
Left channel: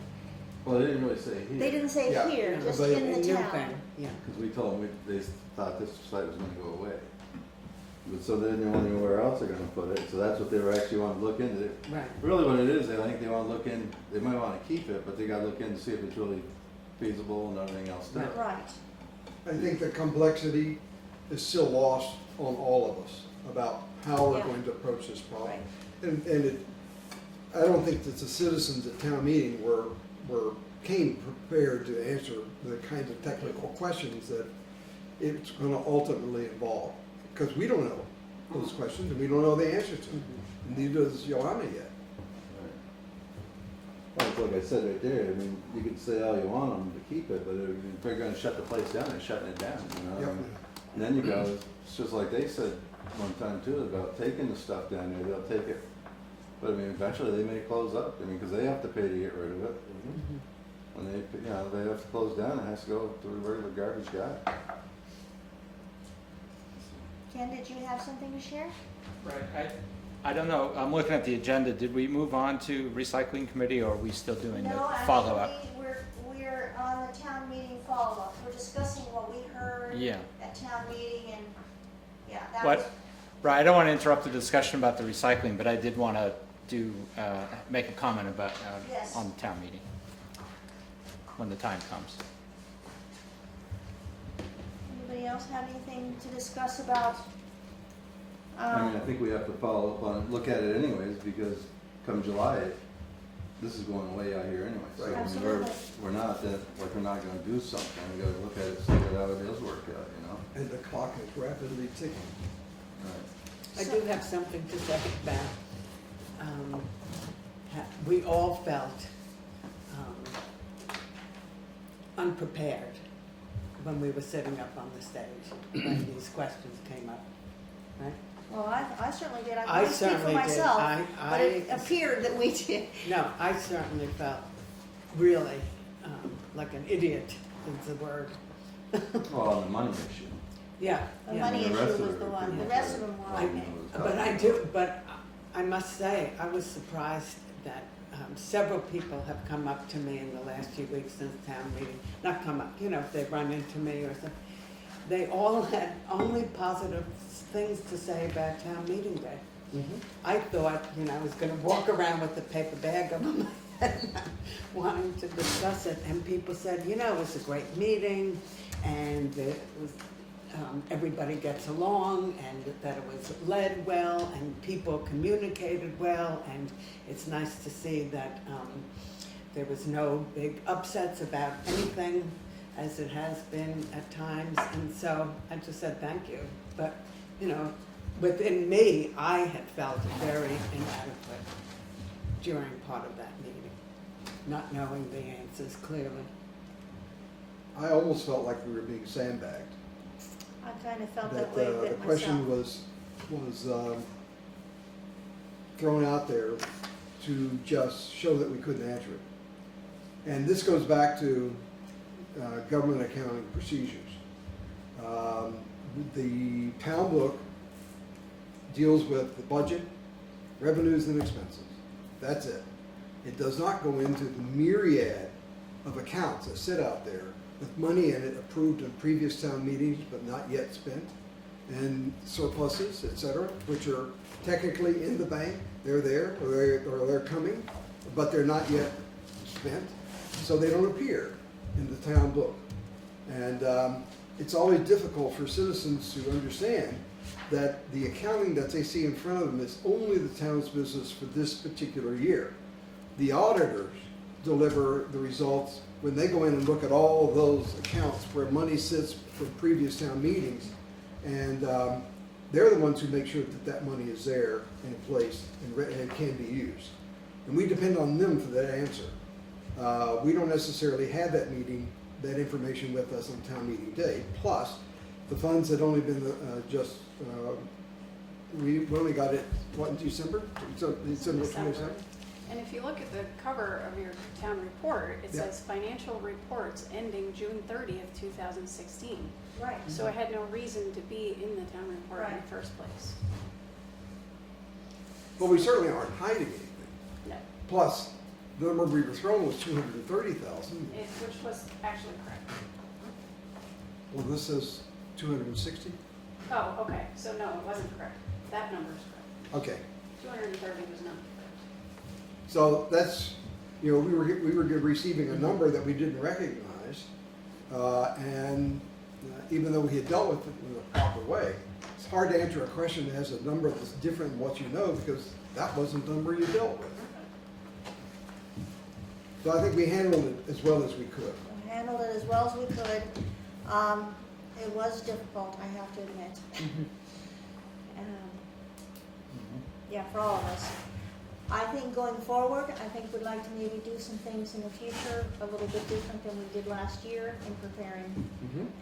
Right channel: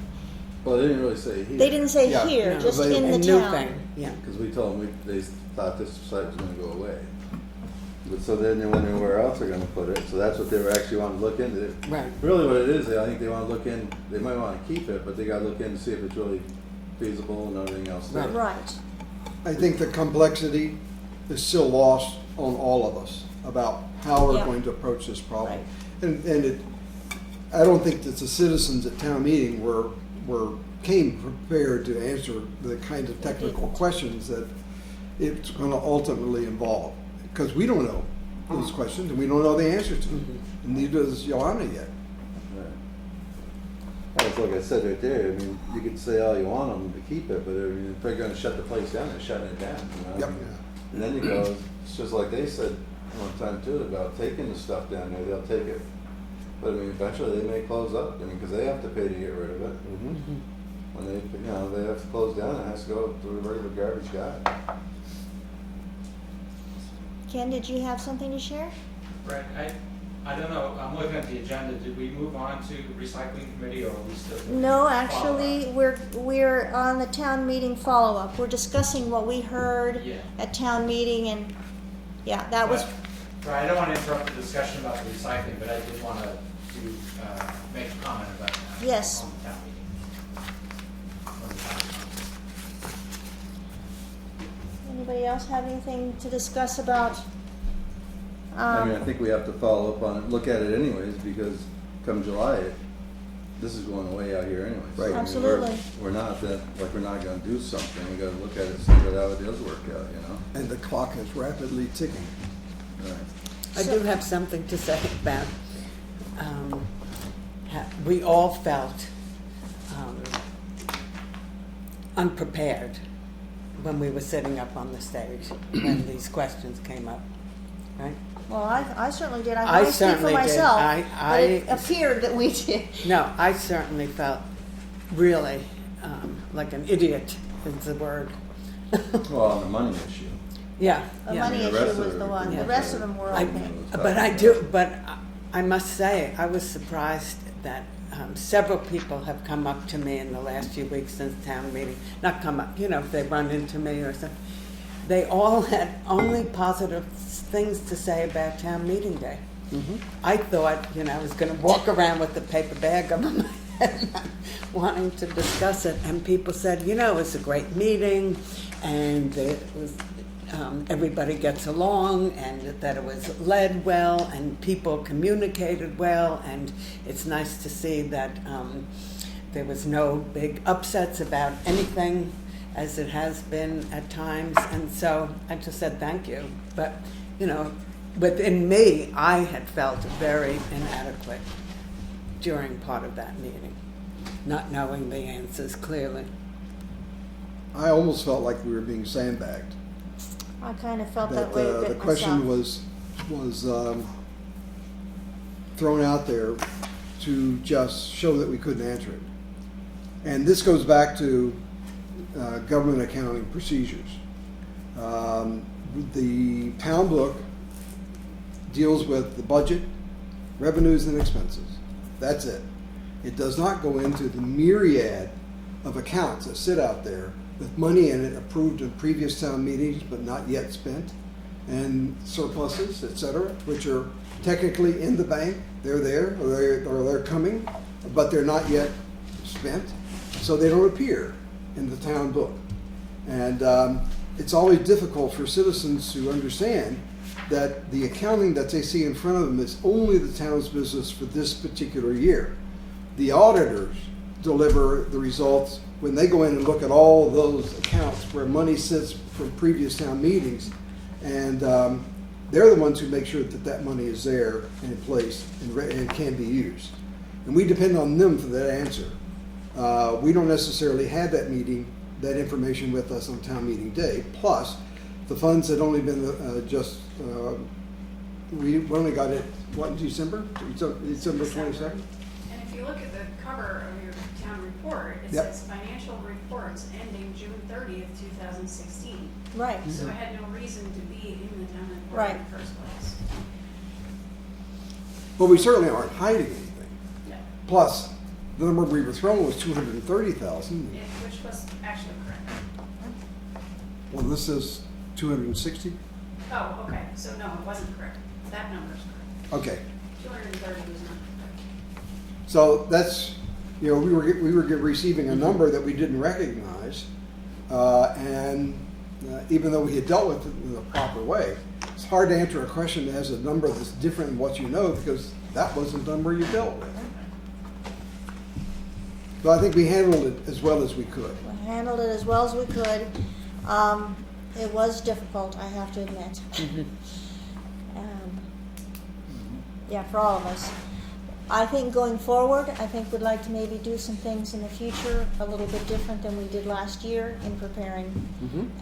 Well, they didn't really say here. They didn't say Yeah. here, No. just They- in the And town. Newfane, yeah. Because we told them, they thought this site was gonna go away. But so then they wondered where else they're gonna put it, so that's what they were actually wanting to look into. Right. Really what it is, I think they wanna look in, they might wanna keep it, but they gotta look in to see if it's really feasible and everything else there. Right. I think the complexity is still lost on all of us about how we're Yeah. going to approach this problem. Right. And it, I don't think that the citizens at town meeting came prepared to answer the kind of technical questions that it's gonna ultimately involve. Because we don't know those questions and we don't know the answer to them. And neither does Joanna yet. Right. It's like I said right there, I mean, you could say all you want them to keep it, but I mean, if they're gonna shut the place down, they're shutting it down, you know? Yep. And then you go, it's just like they said one time too, about taking the stuff down there, they'll take it. But I mean, eventually they may close up, I mean, cause they have to pay to get rid of it. When they, you know, they have to close down, it has to go to a regular garbage guy. Ken, did you have something to share? Right, I don't know, I'm looking at the agenda, did we move on to recycling committee, or are we still doing No, follow-up? actually, we're on the town meeting follow-up. We're discussing what we heard Yeah. at town meeting, and, yeah, that was, Right, I don't want to interrupt the discussion about the recycling, but I did want to make a comment about, Yes. on the town meeting, when the time comes. anybody else have anything to discuss about? I mean, I think we have to follow up on it, look at it anyways, because come July, this is going away out here anyways. Right. I mean, Absolutely. We're not that, like, we're not gonna do something, we gotta look at it, see how it does work out, you know? And the clock is rapidly ticking. Right. I do have something to say about, we all felt unprepared when we were sitting up on the stage when these questions came up, right? Well, I certainly did. I I can only speak for certainly did. myself, I- but it appeared that we did. No, I certainly felt really like an idiot is the word. Well, on the money issue. Yeah. The yeah. money The issue rest of was it the was one. The pretty rest good. of them were I- okay. But I must say, I was surprised that several people have come up to me in the last few weeks since town meeting. Not come up, you know, if they run into me or something. They all had only positive things to say about town meeting day. I thought, you know, I was going to walk around with the paper bag on my head, wanting to discuss it, and people said, you know, it's a great meeting, and it was, everybody gets along, and that it was led well, and people communicated well, and it's nice to see that there was no big upsets about anything, as it has been at times, and so I just said thank you. But, you know, within me, I had felt very inadequate during part of that meeting, not knowing the answers clearly. I almost felt like we were being sandbagged. I kind of felt That that way a the bit question myself. was thrown out there to just show that we couldn't answer it. And this goes back to government accounting procedures. The town book deals with the budget, revenues and expenses. That's it. It does not go into the myriad of accounts that sit out there with money in it approved in previous town meetings but not yet spent, and surpluses, et cetera, which are technically in the bank. They're there, or they're coming, but they're not yet spent, so they don't appear in the town book. And it's always difficult for citizens to understand that the accounting that they see in front of them is only the town's business for this particular year. The auditors deliver the results when they go in and look at all of those accounts where money sits from previous town meetings, and they're the ones who make sure that that money is there and in place and can be used. And we depend on them for that answer. We don't necessarily have that information with us on town meeting day. Plus, the funds had only been we only got it, what, in December? December 27th? And if you you look at the cover of your town report, it Yep. says financial reports ending June 30th, 2016. Right. So it had no reason to be in the town report in Right. the first place. But we certainly aren't hiding anything. No, Plus, the number we were thrown was 230,000. which was actually correct. Well, this is 260? Oh, okay, so no, it wasn't correct. That number's correct. Okay. 230 was not correct. So that's, we were receiving a number that we didn't recognize, and even though we had dealt with it in the proper way, it's hard to answer a question that has a number that's different than what you know, because that wasn't the number you dealt with. So I think we handled it as well as we could. We handled it as well as we could. It was difficult, I have to admit. Yeah, for all of us. I think going forward, I think we'd like to maybe do some things in the future a little bit different than we did last year in preparing.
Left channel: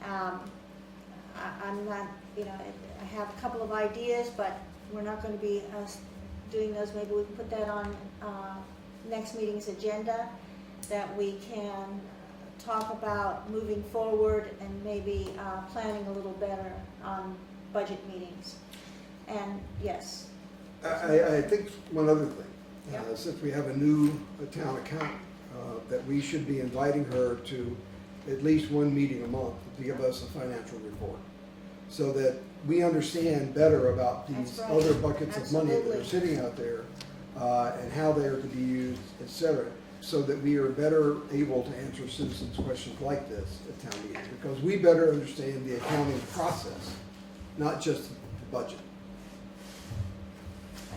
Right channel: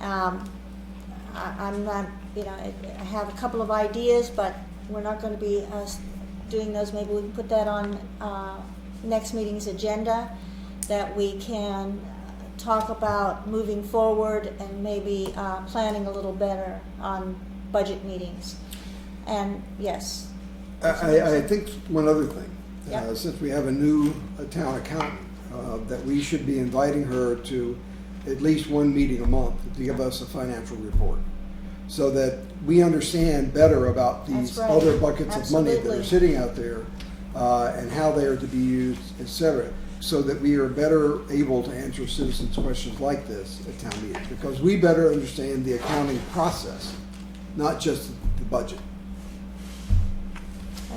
I'm not, I have a couple of ideas, but we're not going to be doing those. Maybe we can put that on next meeting's agenda, that we can talk about moving forward and maybe planning a little better on budget meetings. And yes. I think one other thing, Yeah. since we have a new town accountant, that we should be inviting her to at least one meeting a month to give us a financial report, so that we understand better about these That's right. other buckets of money that Absolutely. are sitting out there, and how they are to be used, et cetera, so that we are better able to answer citizens' questions like this at town meetings, because we better understand the accounting process, not just the budget.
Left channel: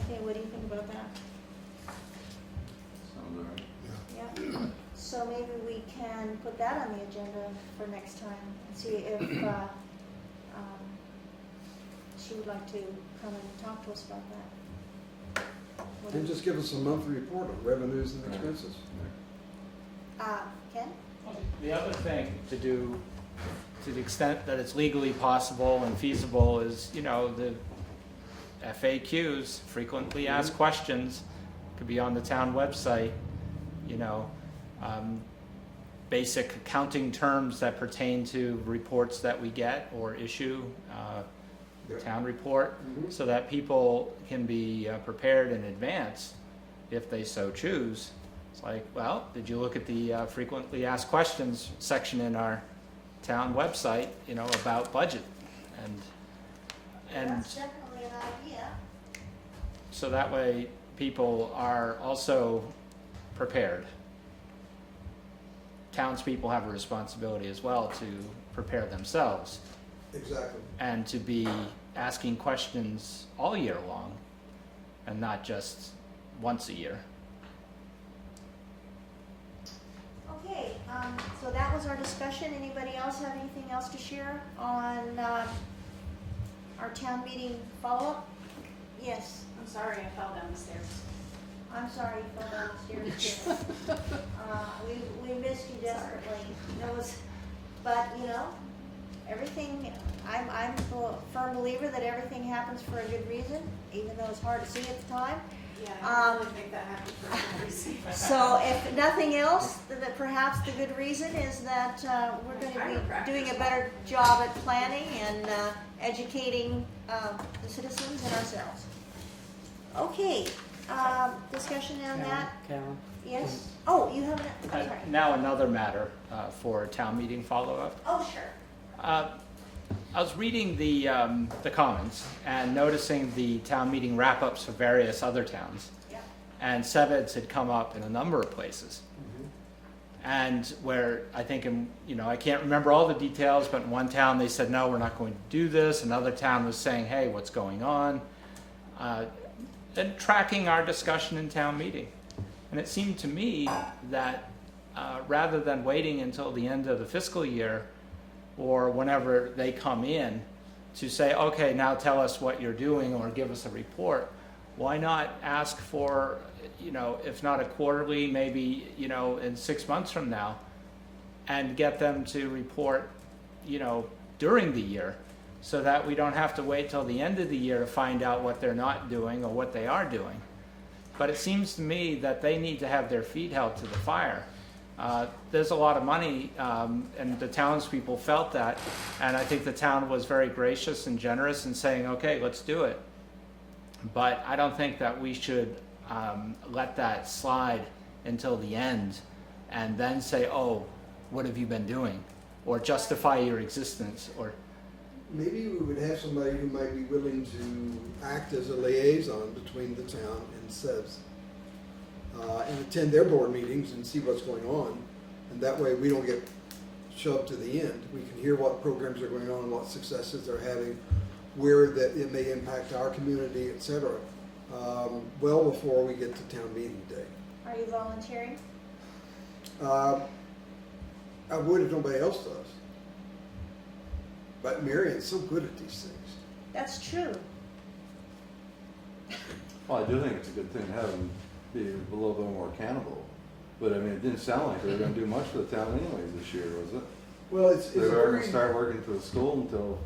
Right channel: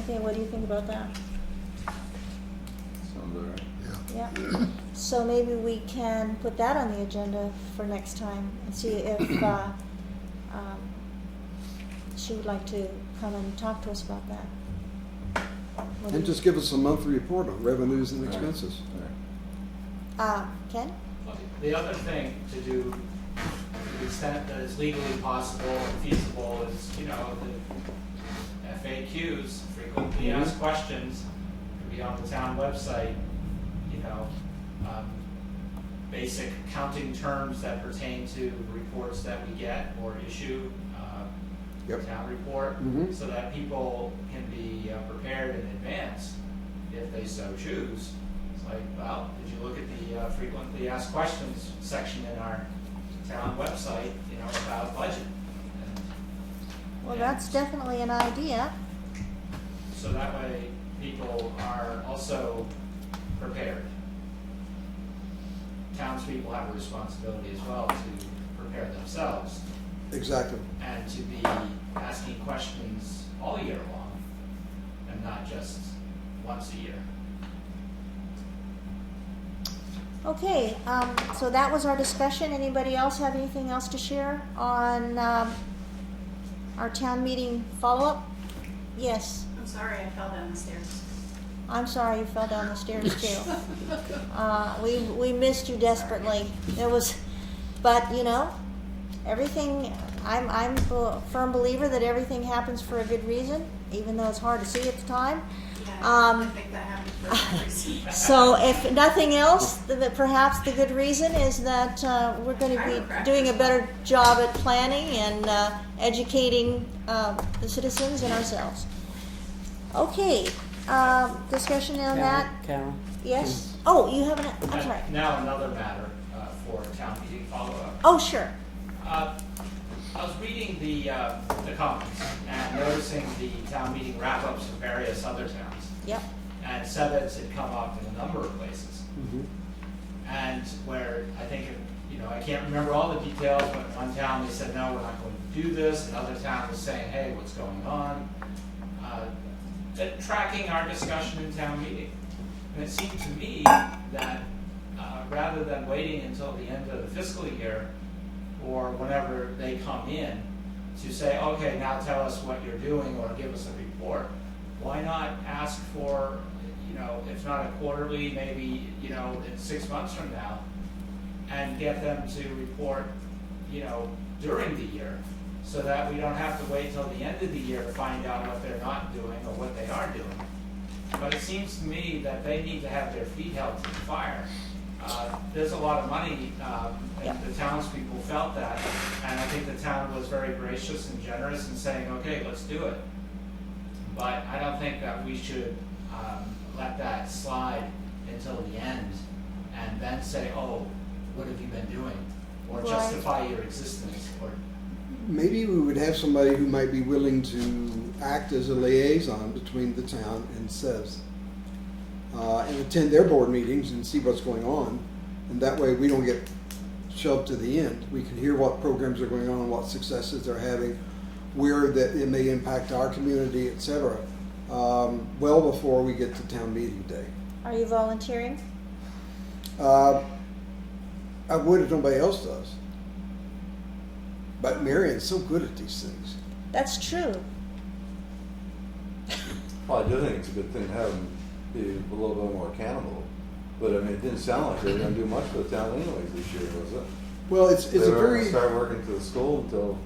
Okay, what do you think about that? Sounds all right. Yeah. So maybe we can put that on the agenda for next time and see if she would like to come and talk to us about that. What do And you- just give us a monthly report on revenues and expenses. Ken? The other thing to do, to the extent that it's legally possible and feasible, is, the FAQs, frequently asked questions, could be on the town website, basic accounting terms that pertain to reports that we get or issue, Yep. town report, Mhm. so that people can be prepared in advance if they so choose. It's like, well, did you look at the frequently asked questions section in our town website, about budget? Well, And that's definitely an idea. so that way people are also prepared. Townspeople have a responsibility as well to prepare themselves Exactly. and to be asking questions all year long and not just once a year. Okay, so that was our discussion. Anybody else have anything else to share on our town meeting follow-up? Yes, I'm sorry I fell down the stairs. I'm sorry you fell down the stairs too. We missed you desperately. But everything, I'm a firm believer that everything happens for a good reason, even though it's hard to see at the time. Yeah, I think that happened for some reason. So if nothing else, perhaps the good reason is that we're going to be doing a better job at planning and educating the citizens and ourselves. Okay, discussion on that? Carol? Yes? Oh, you have I'm sorry. Now another matter for town meeting follow-up. Oh, sure. I was reading the comments and noticing the town meeting wrap-ups for various other towns. Yep. And Seveds had come up in a number of places. And where I think, I can't remember all the details, but in one town they said, no, we're not going to do this. Another town was saying, hey, what's going on? And tracking our discussion in town meeting. And it seemed to me that rather than waiting until the end of the fiscal year or whenever they come in to say, okay, now tell us what you're doing or give us a report, why not ask for, if not a quarterly, maybe, in 6 months from now, and get them to report, during the year, so that we don't have to wait till the end of the year to find out what they're not doing or what they are doing. but it seems to me that they need to have their feet held to the fire. There's a lot of money, and the townspeople felt that, and I think the town was very gracious and generous in saying, okay, let's do it. But I don't think that we should let that slide until the end and then say, oh, what have you been doing? Or justify your existence, or Maybe we would have somebody who might be willing to act as a liaison between the town and SEVs, and attend their board meetings and see what's going on. And that way we don't get shoved to the end. We can hear what programs are going on, what successes they're having, where that it may impact our community, etc. Well before we get to town meeting day. Are you volunteering? I would if nobody else does. But Marion's so good at these things. That's true. Well, I do think it's a good thing to have them be a little bit more accountable. But I mean, it didn't sound like they were gonna do much for the town anyways this year, was it? Well, it's They a weren't very... gonna start working for the school until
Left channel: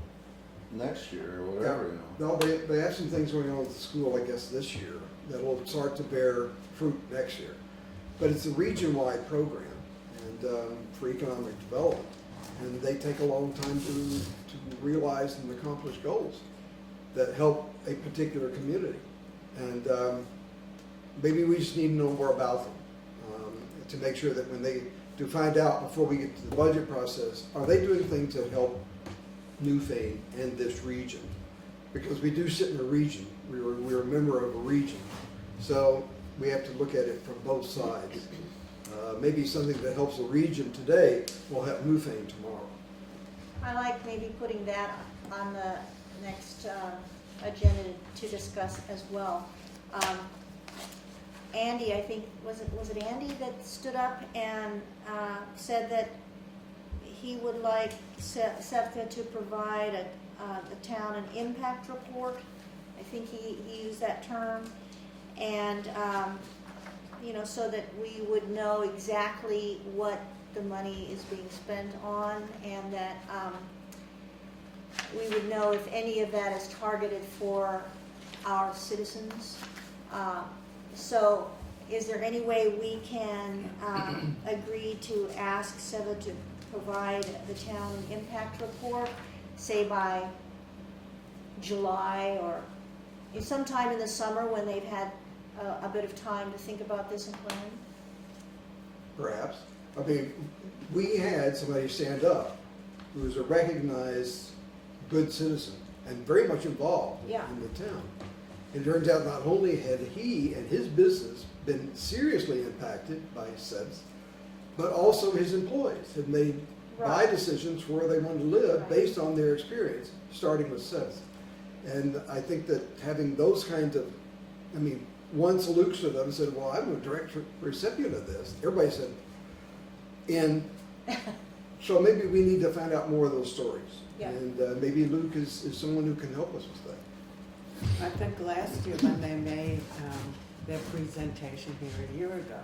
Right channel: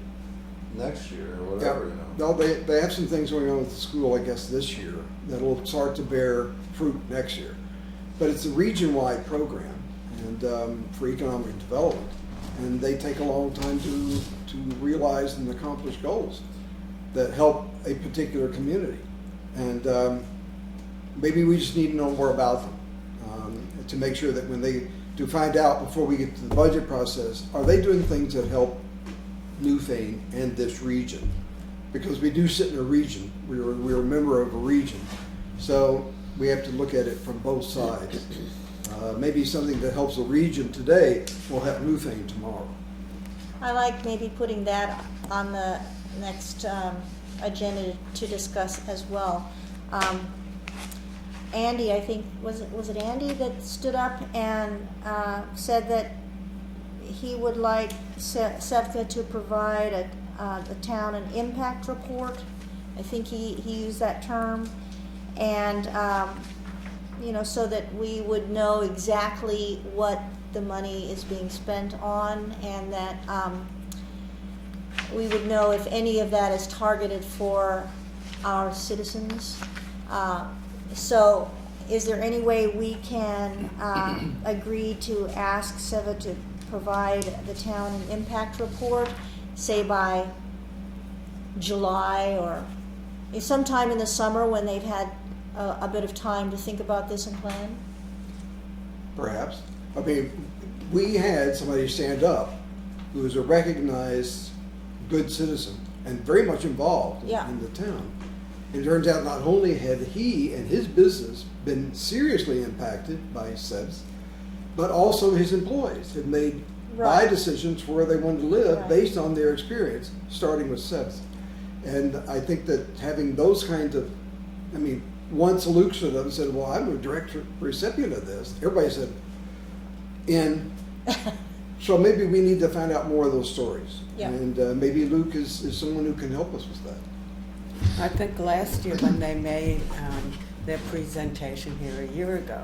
next year or whatever, you know. No, they have some things going on with the school, I guess, this year that'll start to bear fruit next year. But it's a region-wide program and for economic development, and they take a long time to realize and accomplish goals that help a particular community. And maybe we just need to know more about them to make sure that when they do find out before we get to the budget process, are they doing things that help Newfane and this region? Because we do sit in a region, we're a member of a region, so we have to look at it from both sides. Maybe something that helps the region today will help Newfane tomorrow. I like maybe putting that on the next agenda to discuss as well. Andy, I think, was it Andy that stood up and said that he would like SEVCA to provide the town an impact report? I think he used that term. And, you know, so that we would know exactly what the money is being spent on, and that we would know if any of that is targeted for our citizens. So is there any way we can agree to ask SEVA to provide the town an impact report, say by July or sometime in the summer when they've had a bit of time to think about this and plan? Perhaps. I mean, we had somebody stand up who was a recognized good citizen and very much involved in the town. It turns out not only had he and his business been seriously impacted by SEVs, but also his employees had made buy decisions where they wanted to live based on their experience, starting with SEVs. And I think that having those kinds of, I mean, once Luke stood up and said, well, I'm a direct recipient of this, everybody said, and so maybe we need to find out more of those stories. Yeah. And maybe Luke is someone who can help us with that. I think last year when they made their presentation here a year ago,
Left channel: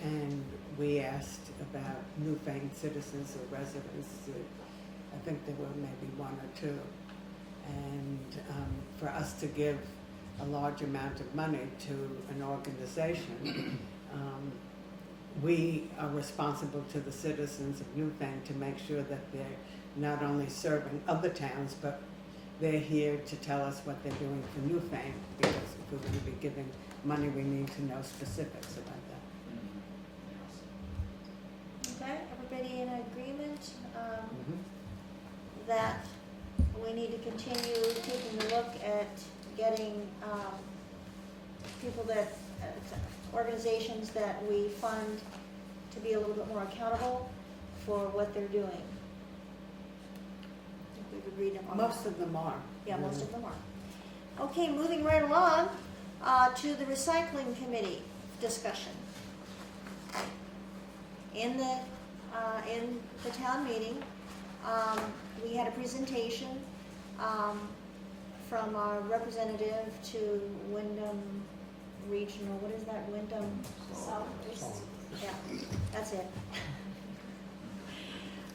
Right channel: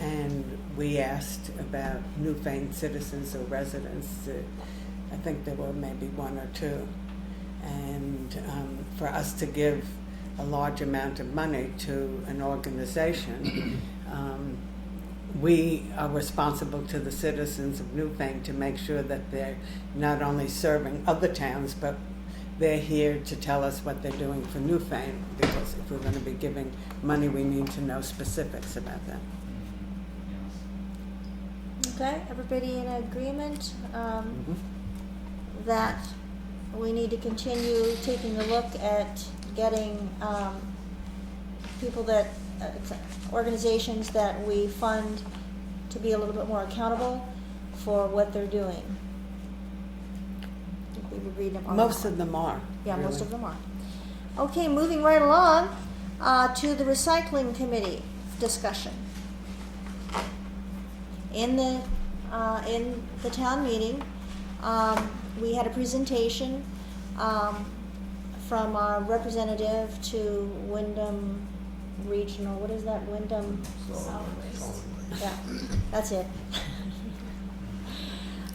and we asked about Newfane citizens or residents, I think there were maybe one or two, and for us to give a large amount of money to an organization, we are responsible to the citizens of Newfane to make sure that they're not only serving other towns, but they're here to tell us what they're doing for Newfane, because if we're going to be giving money, we need to know specifics about that. Okay, everybody in agreement that we need to continue taking a look at getting people that, organizations that we fund to be a little bit more accountable for what they're doing. We've agreed on Most that. of them are. Yeah, really. most of them are. Okay, moving right along to the recycling committee discussion. In the town meeting, we had a presentation from our representative to Wyndham Regional. What is that, Wyndham? Solid waste. Yeah, that's it.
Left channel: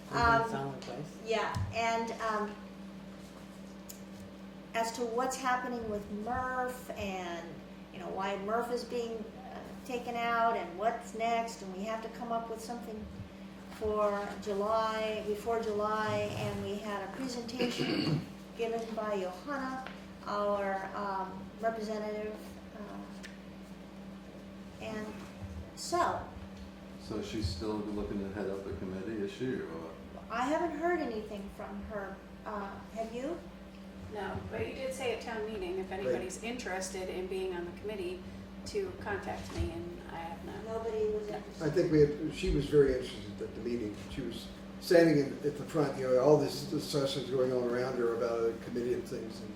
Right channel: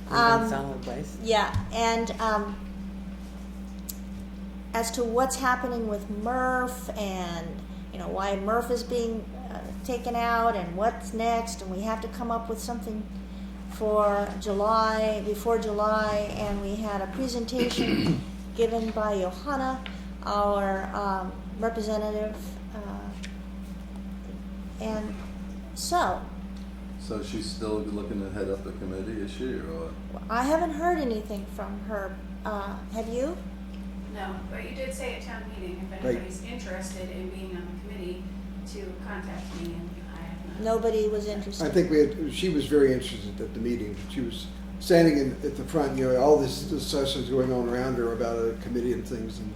Solid waste. Yeah, and as to what's happening with MRF and you know, why Murph is being taken out and what's next, and we have to come up with something for July, before July, and we had a presentation given by Johanna, our representative, and so, So she's still looking to head up the committee, is she, or what? I haven't heard anything from her, have you? No, but you did say at town meeting, if anybody's interested in being on the committee, to contact me, and I have not. Nobody was I interested. think she was very interested at the meeting. She was standing at the front, you know, all this discussions going on around her about a committee and things, and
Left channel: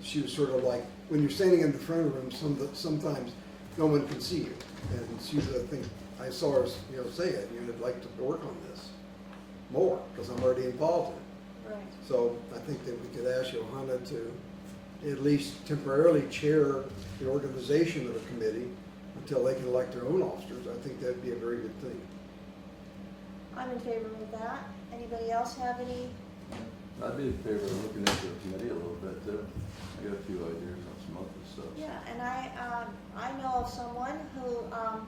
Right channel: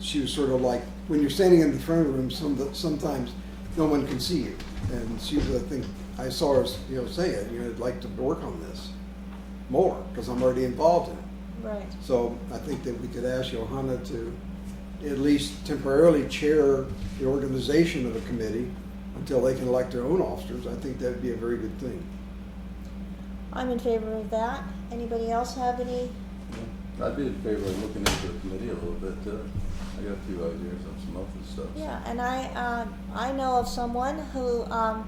she was sort of like, when you're standing in the front of the room, sometimes no one can see you. And she was, I think, I saw her, you know, say it, you know, I'd like to work on this more, because I'm already involved in it. Right. So I think that we could ask Johanna to at least temporarily chair the organization of the committee until they can elect their own officers. I think that'd be a very good thing. I'm in favor of that. Anybody else have any? I'd be in favor of looking into the committee a little bit too. I got a few ideas on some other stuff. Yeah, and I know of someone who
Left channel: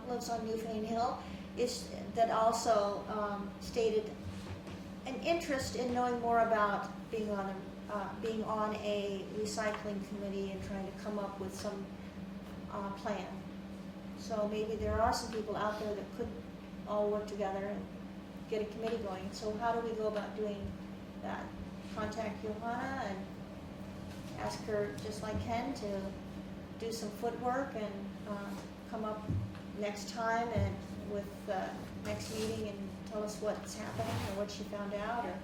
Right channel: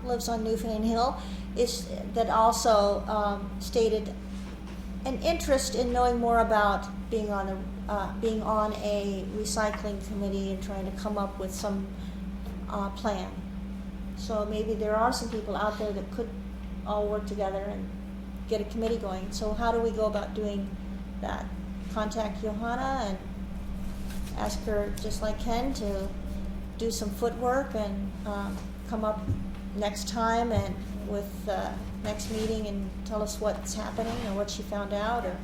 lives on Newfane Hill that also stated an interest in knowing more about being on a recycling committee and trying to come up with some plan. So maybe there are some people out there that could all work together and get a committee going. So how do we go about doing that? Contact Johanna and ask her, just like Ken, to do some footwork and come up next time and with next meeting and tell us what's happening or what she found out, or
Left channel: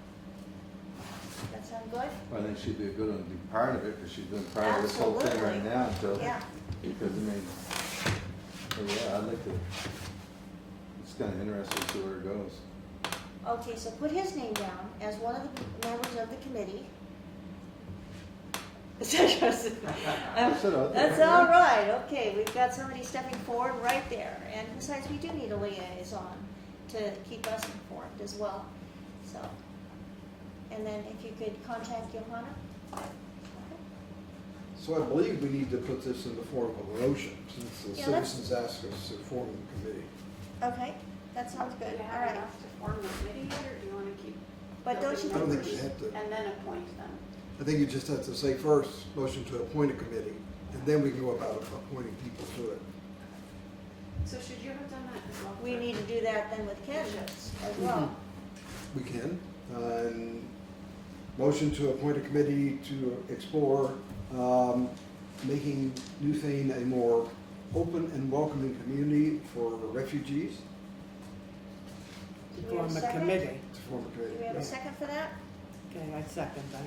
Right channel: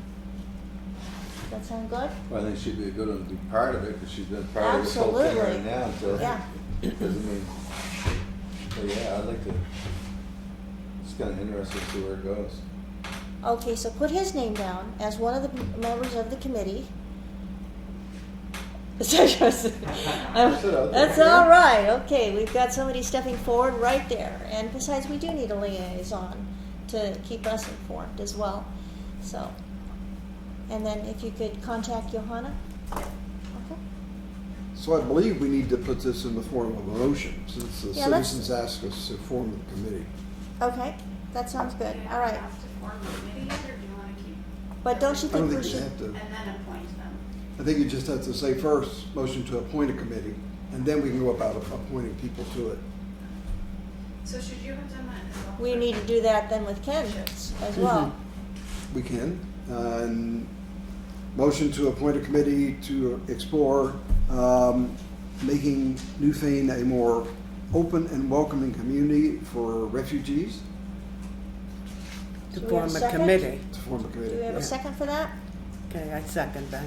that sound good? Well, I think she'd be a good one to be part of it, because she's been part of this whole thing Absolutely. right now, so. Yeah. Because, I mean, so yeah, I'd like to, it's kind of interesting to see where it goes. Okay, so put his name down as one of the members of the committee. That's all right. Okay, we've got somebody stepping forward right there. And besides, we do need a liaison to keep us informed as well. So, and then if you could contact Johanna. Okay. So I believe we need to put this in the form of a motion, since the Yeah, let's- citizens asked us to form the committee. Okay, that sounds good. Do you All have right. enough to form a committee yet, or do you want to keep? But don't you I don't think we think we should? have to, And then appoint them? I think you just have to say first, motion to appoint a committee, and then we can go about appointing people to it. So should you have done that as well? We need to do that then with Ken as well. We can. And motion to appoint a committee to explore making Newfane a more open and welcoming community for refugees. To Do we have a form a second? committee. To form a Do committee. we have yeah. a second for that? Okay, I second that.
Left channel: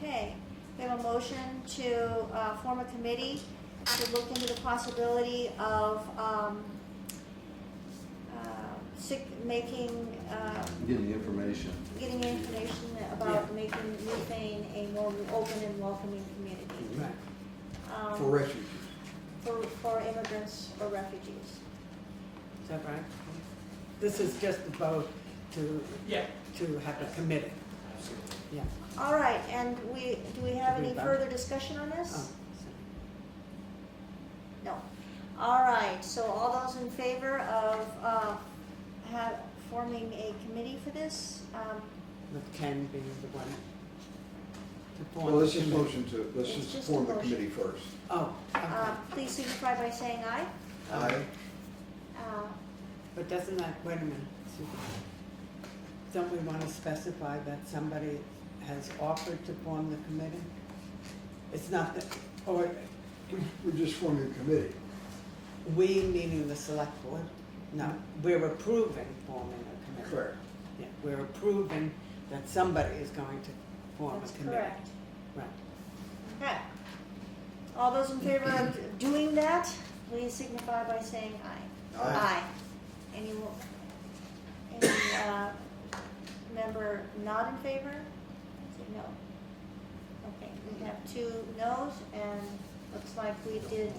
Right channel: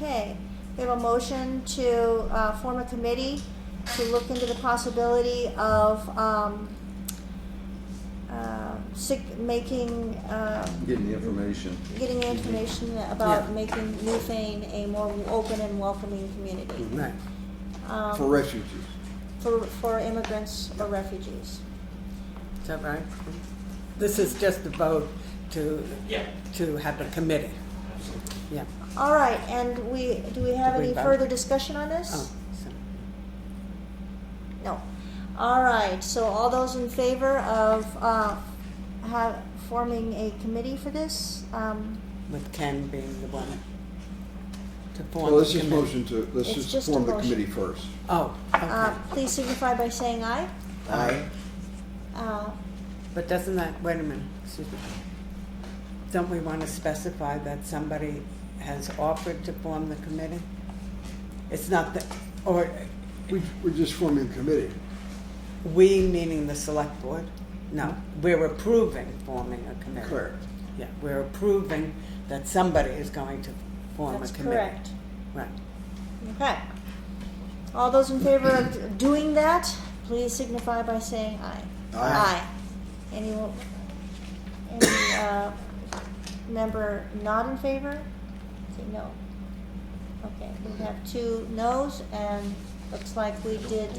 Okay, we have a motion to form a committee to look into the possibility of Getting the information. getting information about Yeah. making Newfane a more open and welcoming community. Right. For refugees. For immigrants or refugees. Is that right? This is just a vote to have a committee. Yeah. All right, and do we have Did we any vote? further discussion on Oh, this? so- No. All right, so all those in favor of forming a committee for this? with Ken being the one to form Well, the let's just committee. motion to, let's It's just just a form the motion. committee first. Oh, okay. Please signify by saying aye. Aye. But doesn't that, wait a minute, excuse me. Don't we want to specify that somebody has offered to form the committee? It's not that, or We're just forming a committee. we meaning the select board? No, we're approving forming a committee. Correct. Yeah, we're approving that somebody is going to form a That's committee. correct. Right. Okay. All those in favor of doing that, please signify by saying aye. Aye. Any member not in favor? Say no. Okay, we have 2 noes, and looks like we did,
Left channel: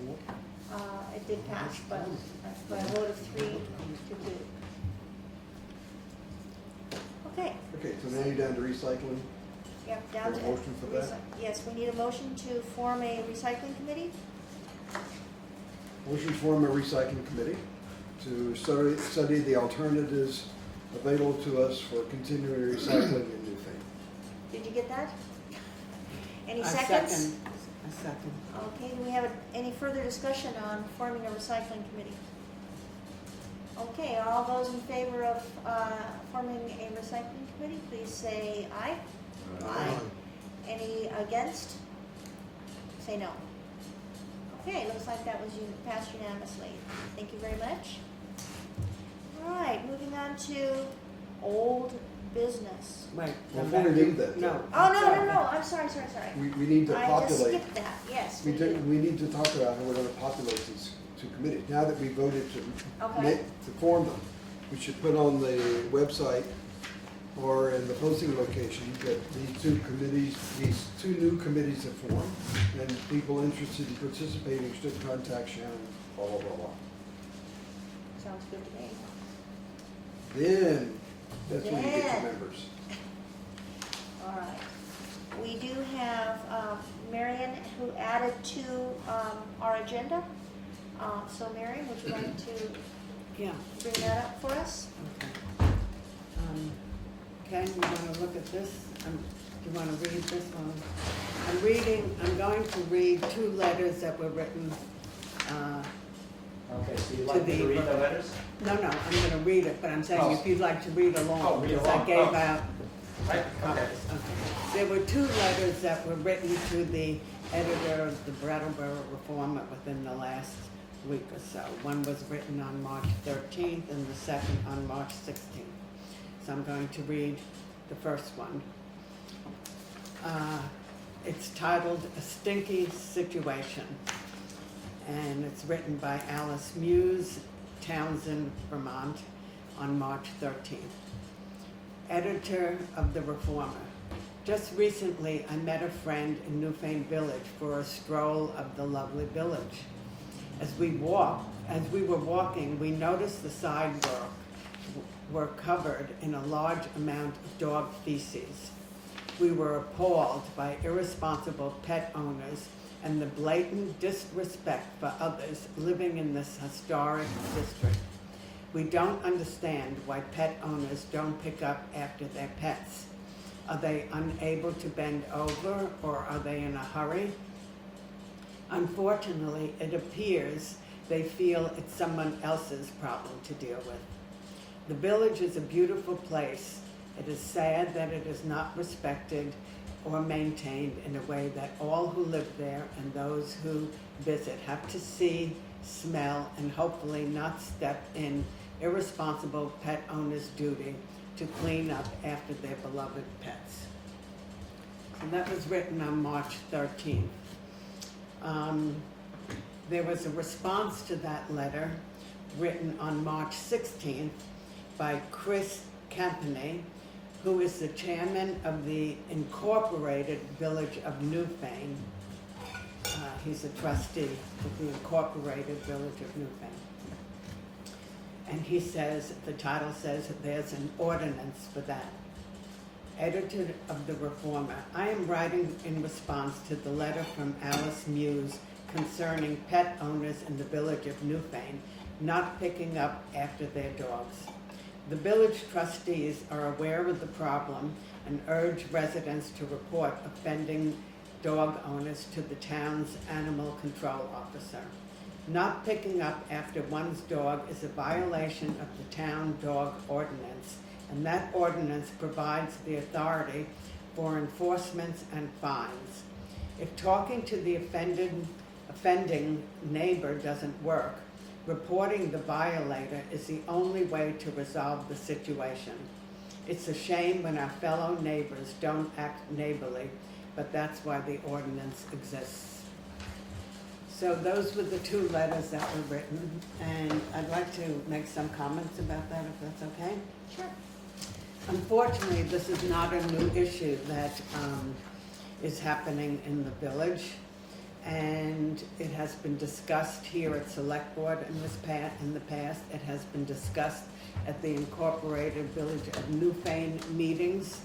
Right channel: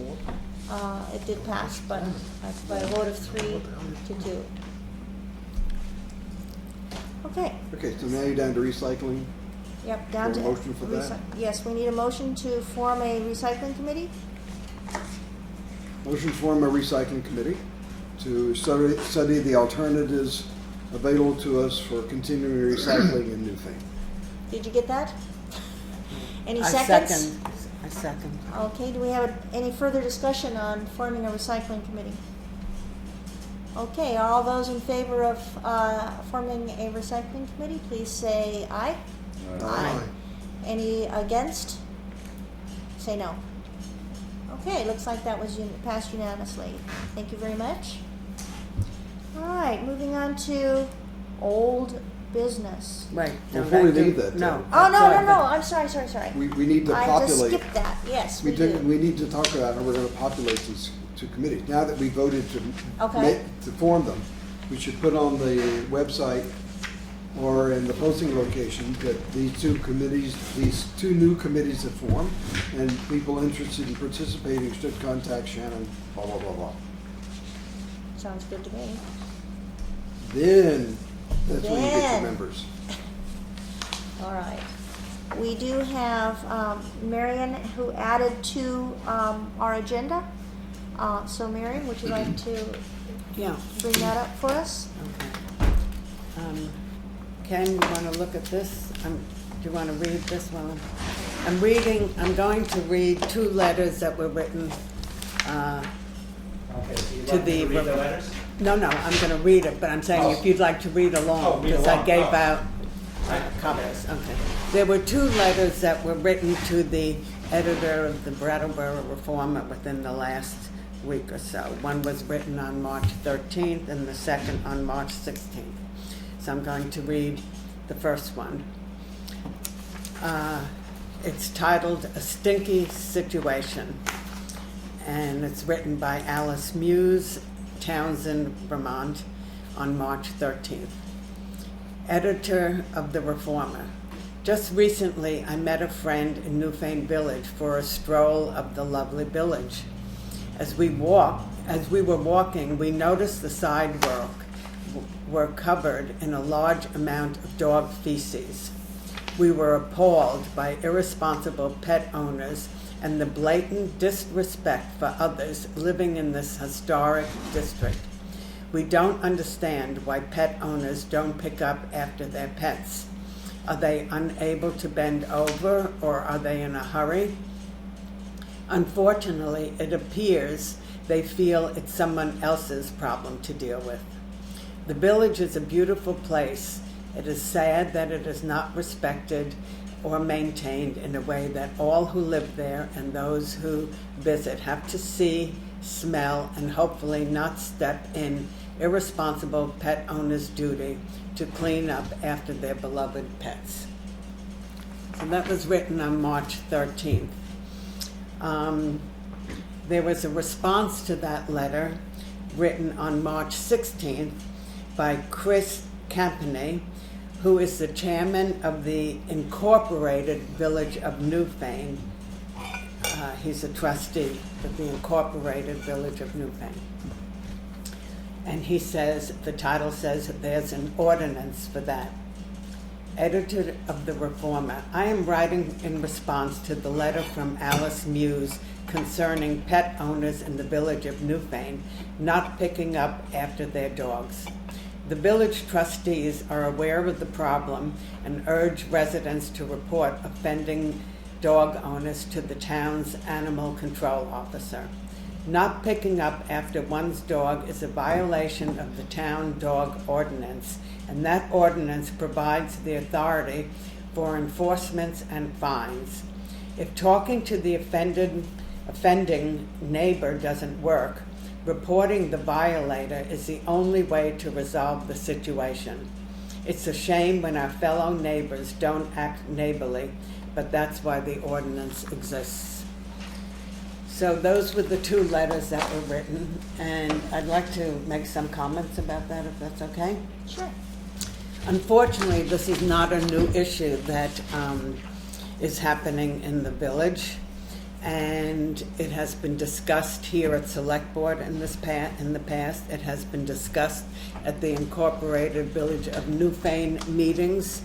it did pass, but by a vote of 3 to 2. Okay, Okay, so now you're down to recycling. yep, down to. Is there a motion for that? Yes, we need a motion to form a recycling committee. Motion to form a recycling committee to study the alternatives available to us for continuing recycling in Newfane. Did you get that? Any I seconds? second. Okay, do we have any further discussion on forming a recycling committee? Okay, are all those in favor of forming a recycling committee, please say aye. Aye. Any against? Say no. Okay, looks like that was passed unanimously. Thank you very much. All right, moving on to old business. Wait. Before we leave that, No. Oh, no, I'm sorry. We need to I just populate. skipped that, yes, we do. We need to talk about how we're gonna populate these two committees. Now that we voted Okay. to form them, we should put on the website or in the posting location that these two new committees have formed, and people interested in participating should contact Shannon, blah, blah, blah, blah. Sounds good to me. Then, that's when you get Then. your members. All right. We do have Marion who added to our agenda. So Marion, would you like to Yeah. bring that up for us? Okay. Ken, you want to look at this? Do you want to read this one? I'm going to read two letters that were written Okay, so you'd To like me to the- read the letters? No, I'm going to read it, but I'm saying if you'd like to read Oh, along, read because I along. gave Oh. out Right, copies. Okay. There were two letters that were written to the editor of the Brattleboro Reformer within the last week or so. One was written on March 13th and the second on March 16th. So I'm going to read the first one. It's titled A Stinky Situation, and it's written by Alice Muse, Townsend, Vermont, on March 13th. Editor of the Reformer. Just recently, I met a friend in Newfane Village for a stroll of the lovely village. As we were walking, we noticed the sidewalk were covered in a large amount of dog feces. We were appalled by irresponsible pet owners and the blatant disrespect for others living in this historic district. We don't understand why pet owners don't pick up after their pets. Are they unable to bend over, or are they in a hurry? Unfortunately, it appears they feel it's someone else's problem to deal with. The village is a beautiful place. It is sad that it is not respected or maintained in a way that all who live there and those who visit have to see, smell, and hopefully not step in irresponsible pet owners' duty to clean up after their beloved pets. So that was written on March 13th. There was a response to that letter written on March 16th by Chris Campany, who is the chairman of the Incorporated Village of Newfane. He's a trustee of the Incorporated Village of Newfane. And he says, the title says that there's an ordinance for that. Editor of the Reformer, I am writing in response to the letter from Alice Muse concerning pet owners in the village of Newfane not picking up after their dogs. The village trustees are aware of the problem and urge residents to report offending dog owners to the town's animal control officer. Not picking up after one's dog is a violation of the town dog ordinance, and that ordinance provides the authority for enforcements and fines. If talking to the offending neighbor doesn't work, reporting the violator is the only way to resolve the situation. It's a shame when our fellow neighbors don't act neighborly, but that's why the ordinance exists. So those were the two letters that were written, and I'd like to make some comments about that, if that's okay. Sure. Unfortunately, this is not a new issue that is happening in the village, and it has been discussed here at Selectboard in the past. It has been discussed at the Incorporated Village of Newfane meetings,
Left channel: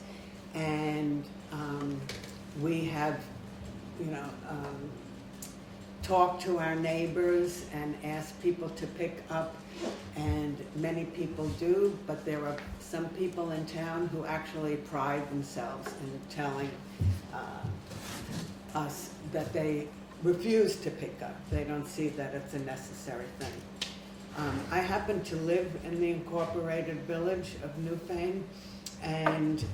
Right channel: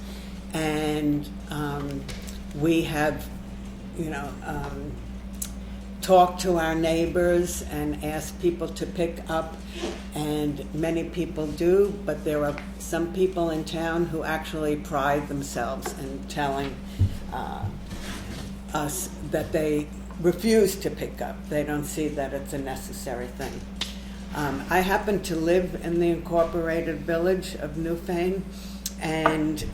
and we have, talk to our neighbors and ask people to pick up, and many people do, but there are some people in town who actually pride themselves in telling us that they refuse to pick up. They don't see that it's a necessary thing. I happen to live in the incorporated village of Newfane, and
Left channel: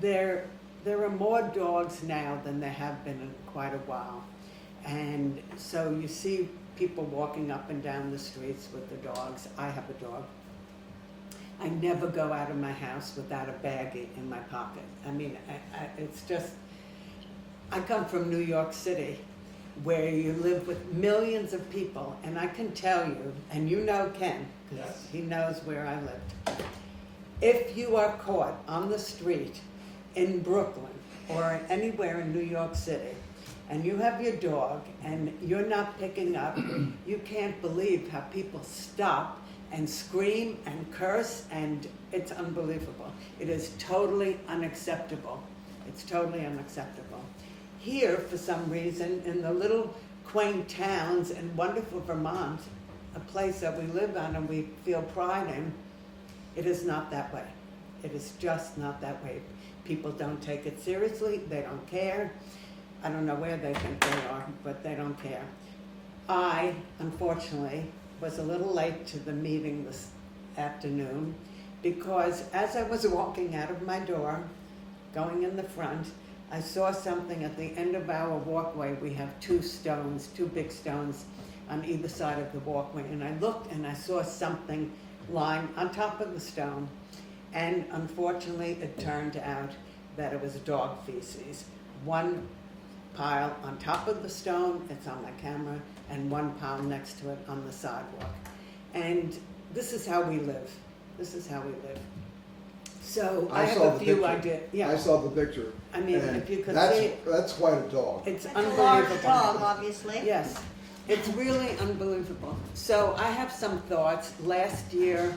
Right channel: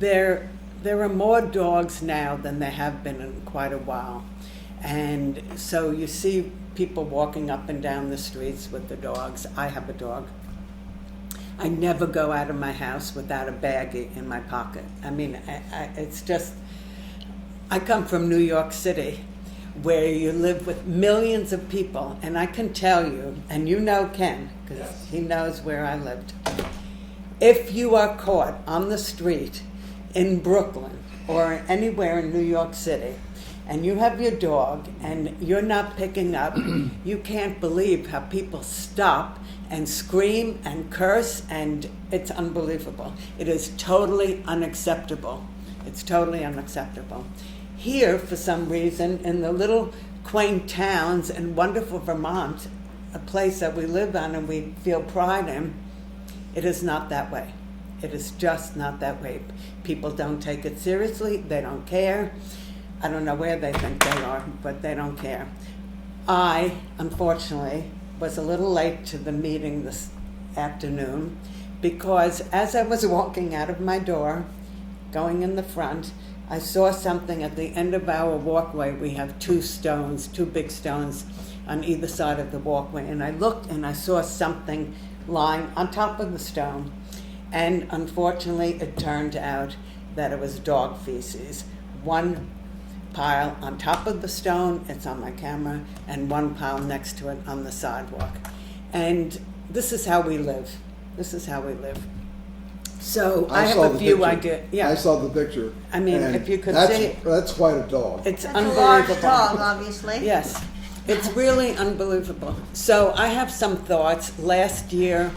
there are more dogs now than there have been in quite a while. And so you see people walking up and down the streets with their dogs. I have a dog. I never go out of my house without a baggie in my pocket. I mean, it's just, I come from New York City, where you live with millions of people, and I can tell you, and you know Ken, because he knows where I lived. If you are caught on the street in Brooklyn or anywhere in New York City, and you have your dog and you're not picking up, you can't believe how people stop and scream and curse, and it's unbelievable. It is totally unacceptable. It's totally unacceptable. Here, for some reason, in the little quaint towns in wonderful Vermont, a place that we live on and we feel pride in, it is not that way. It is just not that way. People don't take it seriously. They don't care. I don't know where they think they are, but they don't care. I, unfortunately, was a little late to the meeting this afternoon because as I was walking out of my door, going in the front, I saw something at the end of our walkway. We have two big stones on either side of the walkway. And I looked and I saw something lying on top of the stone. And unfortunately, it turned out that it was dog feces. One pile on top of the stone, it's on my camera, and one pile next to it on the sidewalk. And this is how we live. This is how we live. So I have a few ideas. Yeah. I saw the picture. I mean, and if you could that's, see it. that's quite a dog. It's It's a unbelievable. large dog, obviously. Yes, it's really unbelievable. So I have some thoughts. Last year,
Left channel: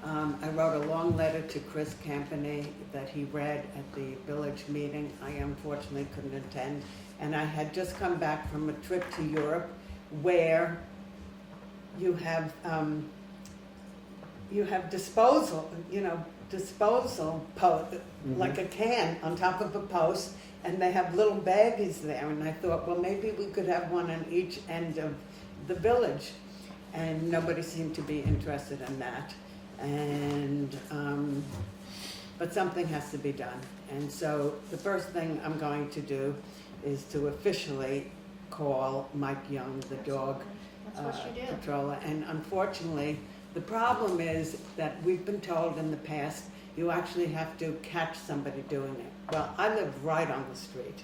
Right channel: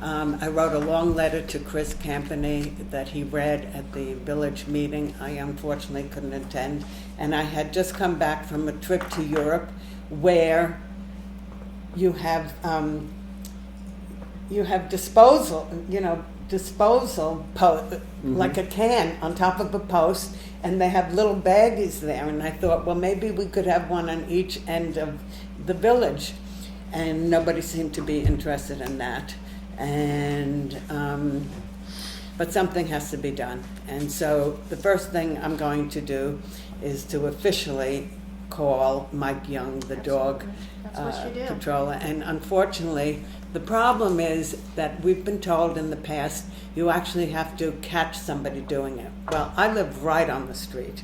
I wrote a long letter to Chris Campany that he read at the village meeting. I unfortunately couldn't attend. And I had just come back from a trip to Europe where you have disposal, like a can on top of a post, and they have little baggies there. And I thought, well, maybe we could have one on each end of the village. And nobody seemed to be interested in that. And but something has to be done. And so the first thing I'm going to do is to officially call Mike Young, the dog That's what you do. patroller. And unfortunately, the problem is that we've been told in the past you actually have to catch somebody doing it. Well, I live right on the street,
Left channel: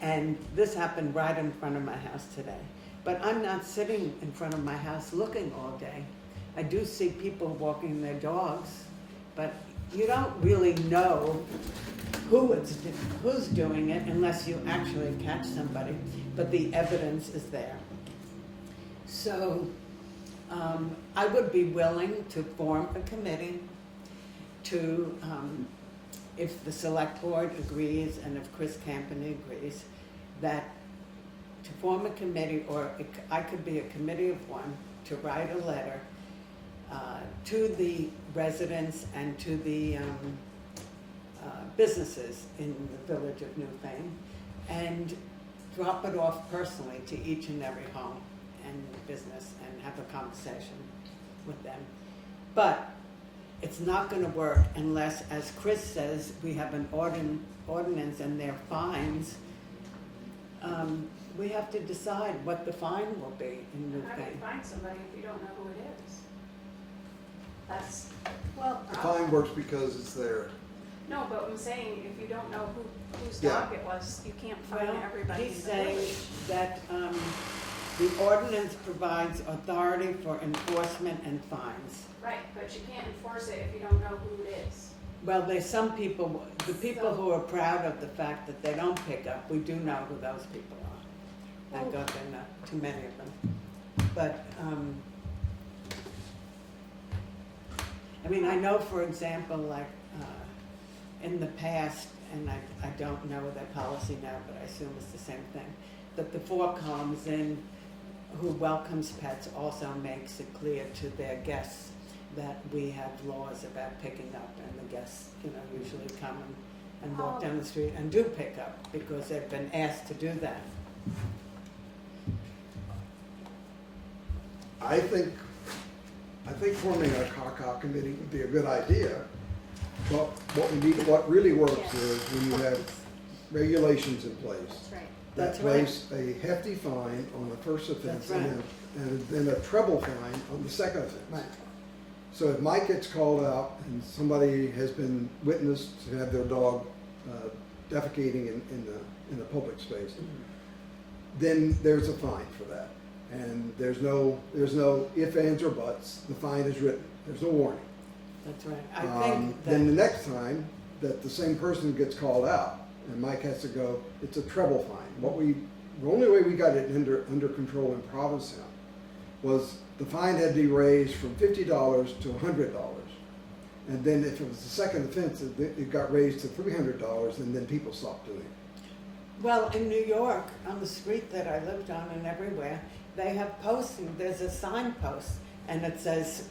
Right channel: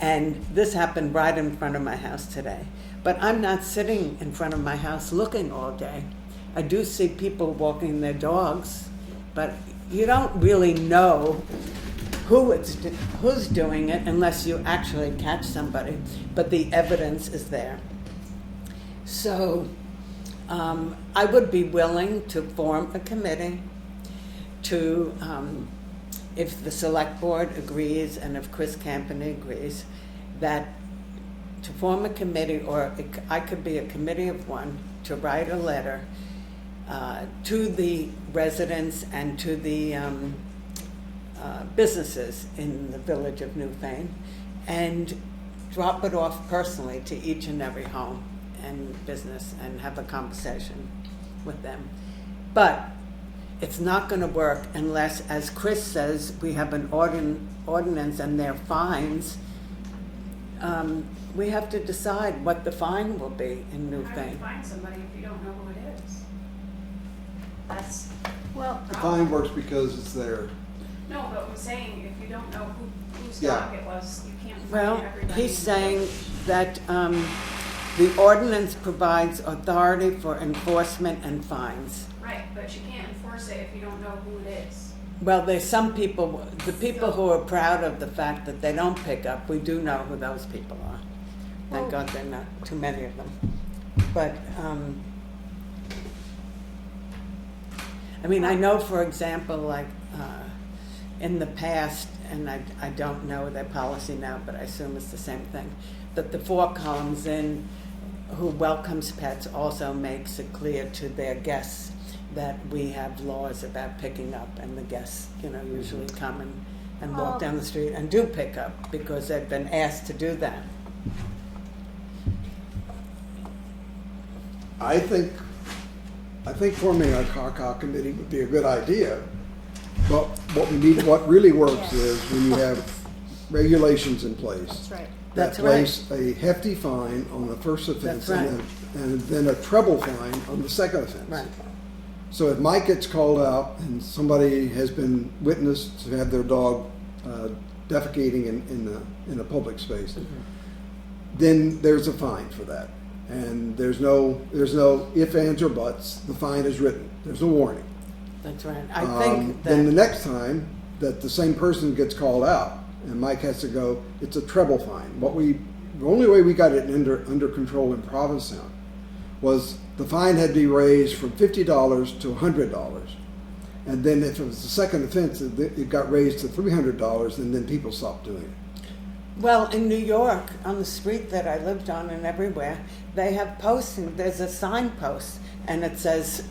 and this happened right in front of my house today. But I'm not sitting in front of my house looking all day. I do see people walking their dogs, but you don't really know who's doing it unless you actually catch somebody. But the evidence is there. So I would be willing to form a committee to, if the select board agrees and if Chris Campany agrees, that to form a committee, or I could be a committee of one, to write a letter to the residents and to the businesses in the village of Newfane, and drop it off personally to each and every home and business and have a conversation with them. But it's not going to work unless, as Chris says, we have an ordinance and their fines. We have to decide what the fine will be in How do you Newfane. find somebody if you don't know who it is? That's Well, The fine works because it's there. no, but I'm saying if you don't know whose Yeah. dog it was, you can't Well, find everybody. he's in the saying village. that the ordinance provides authority for enforcement and fines. Right, but you can't enforce it if you don't know who it is. Well, there's some people, the people who are proud of the fact that they don't pick up, we do know who those people are. Thank Well- God there are not too many of them. But, I mean, I know, for example, like, in the past, and I don't know their policy now, but I assume it's the same thing, that the 4 columns in who welcomes pets also makes it clear to their guests that we have laws about picking up, and the guests, usually come and walk down the street and do pick up because they've been asked to do that. I think forming a CACA committee would be a good idea, but what really works is when you have regulations in place. That's right. That That's right. place a hefty fine on the first offense. That's right. And then a treble fine on the second offense. Right. So if Mike gets called out and somebody has been witnessed to have their dog defecating in a public space, then there's a fine for that. And there's no ifs, ands, or buts. The fine is written. There's no warning. That's right. I think Then the that, next time that the same person gets called out and Mike has to go, it's a treble fine. The only way we got it under control in Provincetown was the fine had to be raised from $50 to $100. And then if it was the second offense, it got raised to $300, and then people stopped doing it. well, in New York, on the street that I lived on and everywhere, they have posting, there's a sign post, and it says,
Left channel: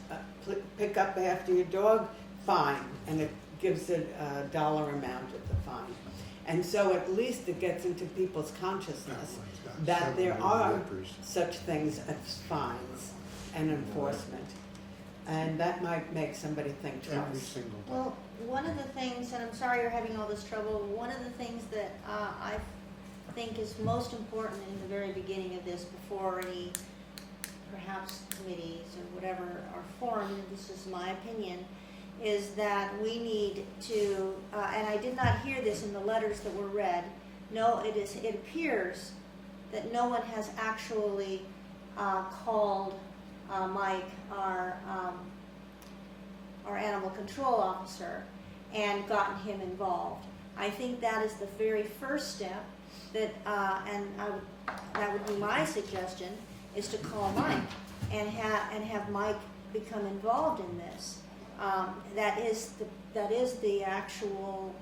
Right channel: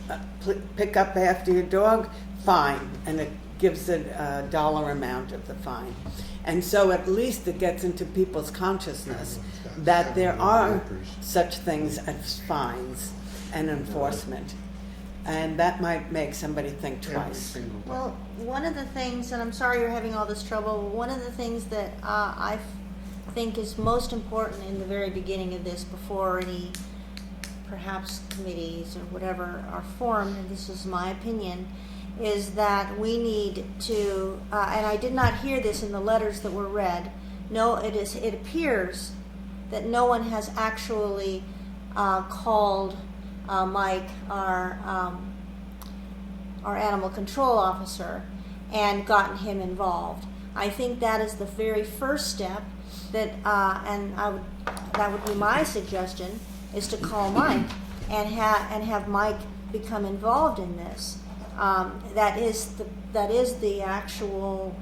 pick up after your dog, fine, and it gives it a dollar amount of the fine. And so at least it gets into people's consciousness that there are such things as fines and enforcement. And that might make somebody think twice. Well, one of the things, and I'm sorry you're having all this trouble, one of the things that I think is most important in the very beginning of this, before any perhaps committees or whatever are formed, and this is my opinion, is that we need to, and I did not hear this in the letters that were read, it appears that no one has actually called Mike, our animal control officer, and gotten him involved. I think that is the very first step that, that would be my suggestion, is to call Mike and have Mike become involved in this. That is the actual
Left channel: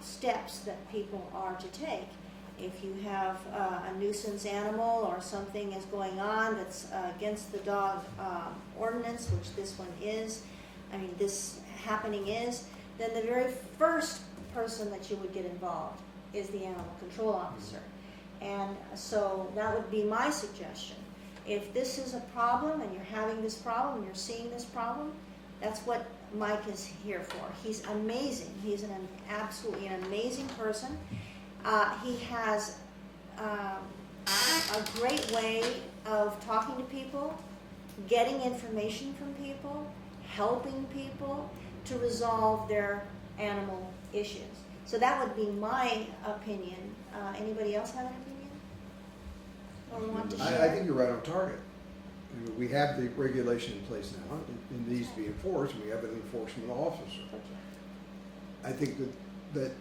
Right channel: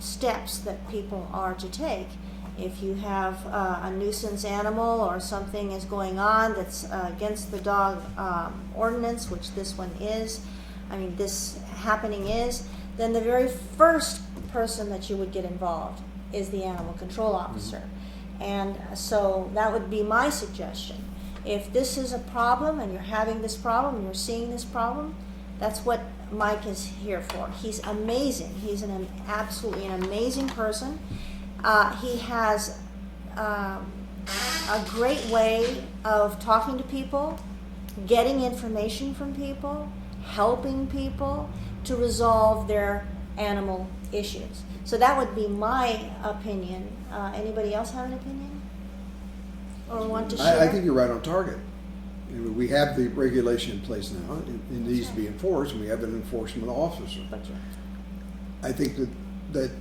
steps that people are to take. If you have a nuisance animal or something is going on that's against the dog ordinance, which this one is, this happening is, then the very first person that you would get involved is the animal control officer. And so that would be my suggestion. If this is a problem and you're having this problem and you're seeing this problem, that's what Mike is here for. He's amazing. He's absolutely an amazing person. He has a great way of talking to people, getting information from people, helping people to resolve their animal issues. So that would be my opinion. Anybody else have an opinion? Or want to share? I think you're right on target. We have the regulation in place now. It needs to be enforced, and we have an enforcement officer. I think that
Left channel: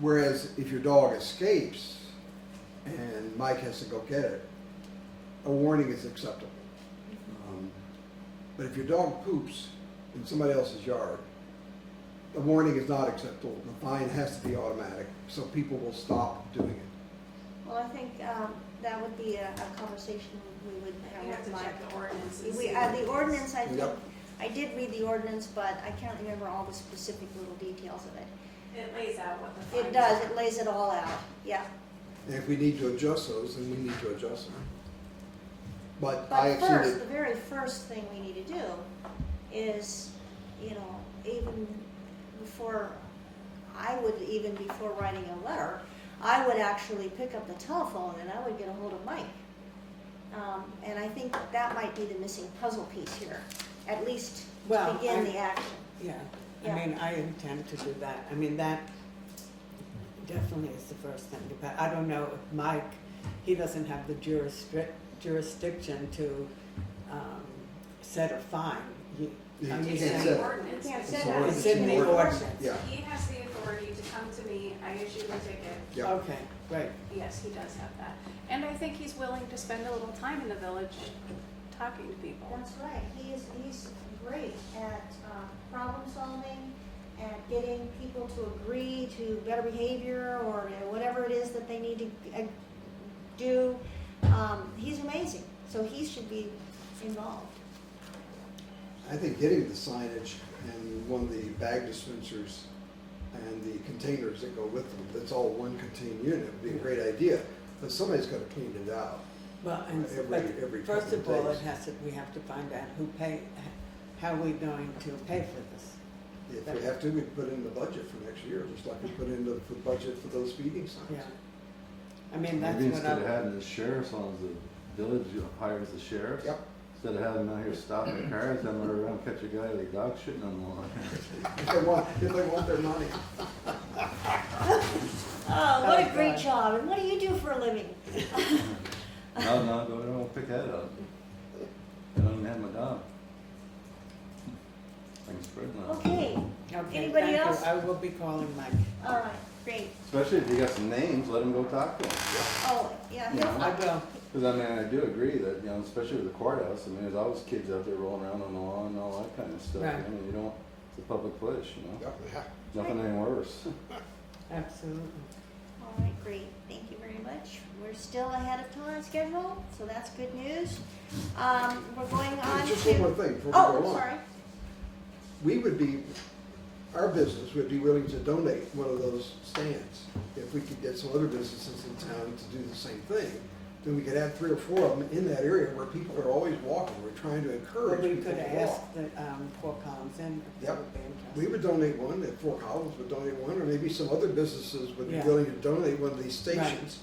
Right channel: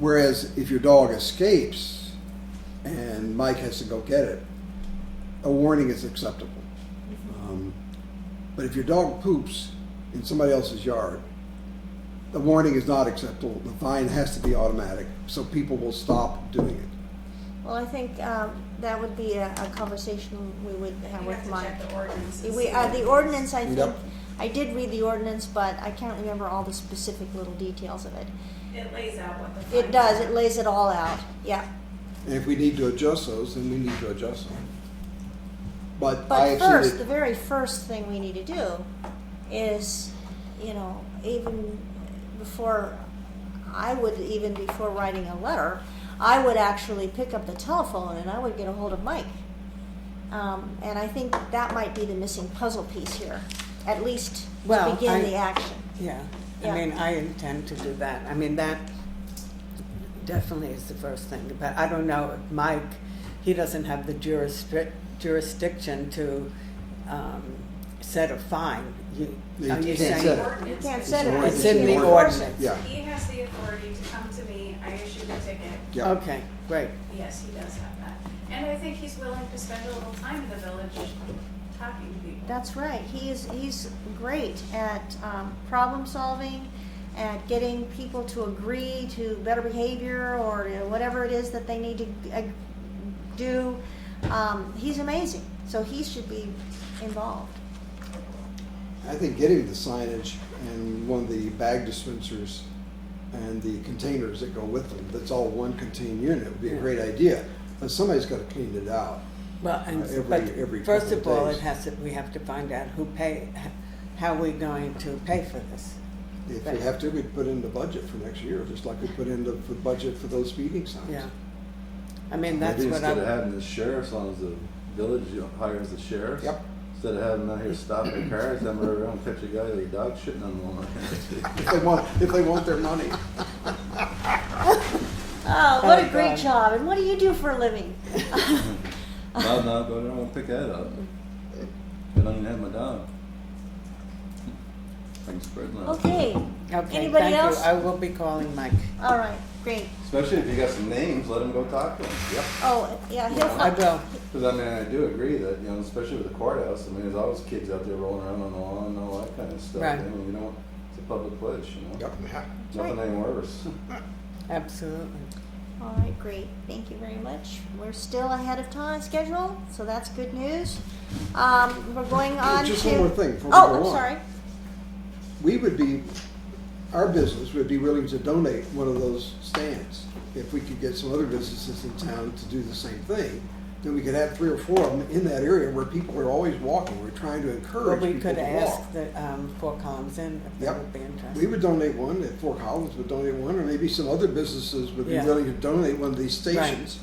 whereas if your dog escapes and Mike has to go get it, a warning is acceptable. But if your dog poops in somebody else's yard, the warning is not acceptable. The fine has to be automatic, so people will stop doing it. Well, I think that would be a conversation we would have with Mike. Check the ordinance. and We, see the ordinance, I think, Yep. I did read the ordinance, but I can't remember all the specific little details of it. It lays out what the fines It does, are. it lays it all out, yeah. And if we need to adjust those, then we need to adjust them. But I But actually, first, the very first thing we need to do is, even before writing a letter, I would actually pick up the telephone and I would get a hold of Mike. And I think that might be the missing puzzle piece here, at least to begin the action. Yeah, Yeah. I intend to do that. That definitely is the first thing. But I don't know if Mike, he doesn't have the jurisdiction to set a fine. You Are you can't saying- set it. You can't It's set an it. ordinance. It's in the an ordinance. Yeah. He has the authority to come to me, I issue the ticket. Yeah. Okay, great. Yes, he does have that. And I think he's willing to spend a little time in the village talking to people. That's right. He's great at problem solving, at getting people to agree to better behavior or whatever it is that they need to do. He's amazing, so he should be involved. I think getting the signage and one of the bag dispensers and the containers that go with them, that's all one contained unit, would be a great idea. But somebody's got to clean it out. Well, and, every but first couple of all, days. we have to find out how we're going to pay for this. If we have to, we put in the budget for next year, just like we put in the budget for those speeding signs. Yeah. I mean, that's Maybe what instead of I'm, having the sheriff, as long as the village hires the sheriffs. Yep. Instead of having them out here stopping cars, them around, catch a guy with a dog shitting on one. If they want their money. Oh, what a Oh, great God. job! And what do you do for a living? No, don't even pick that up. I don't even have my dog. Things spreading out. Okay. okay, Anybody thank else? you. I will be calling Mike. All right. Great. Especially if you got some names, let them go talk to them. Yep. Oh, yeah. He'll Yeah. I will. Because I mean, I do agree that, you know, especially with the courthouse, I mean, there's always kids out there rolling around on the lawn and all that kind of stuff. Right. You know, you don't, it's a public place, you know. Yep. Nothing ain't worse. Absolutely. All right, great. Thank you very much. We're still ahead of time schedule, so that's good news. We're going on Just to. one more thing before we Oh, go I'm on. sorry. Our business would be willing to donate one of those stands. If we could get some other businesses in town to do the same thing, then we could have 3 or 4 of them in that area where people are always walking. We're trying to Well, encourage we people could to ask walk. the Fort Collins Inn if they Yep. would be interested. We would donate one, if Fort Collins would donate one, or maybe some other businesses would be Yeah. willing to donate one of these Right. stations.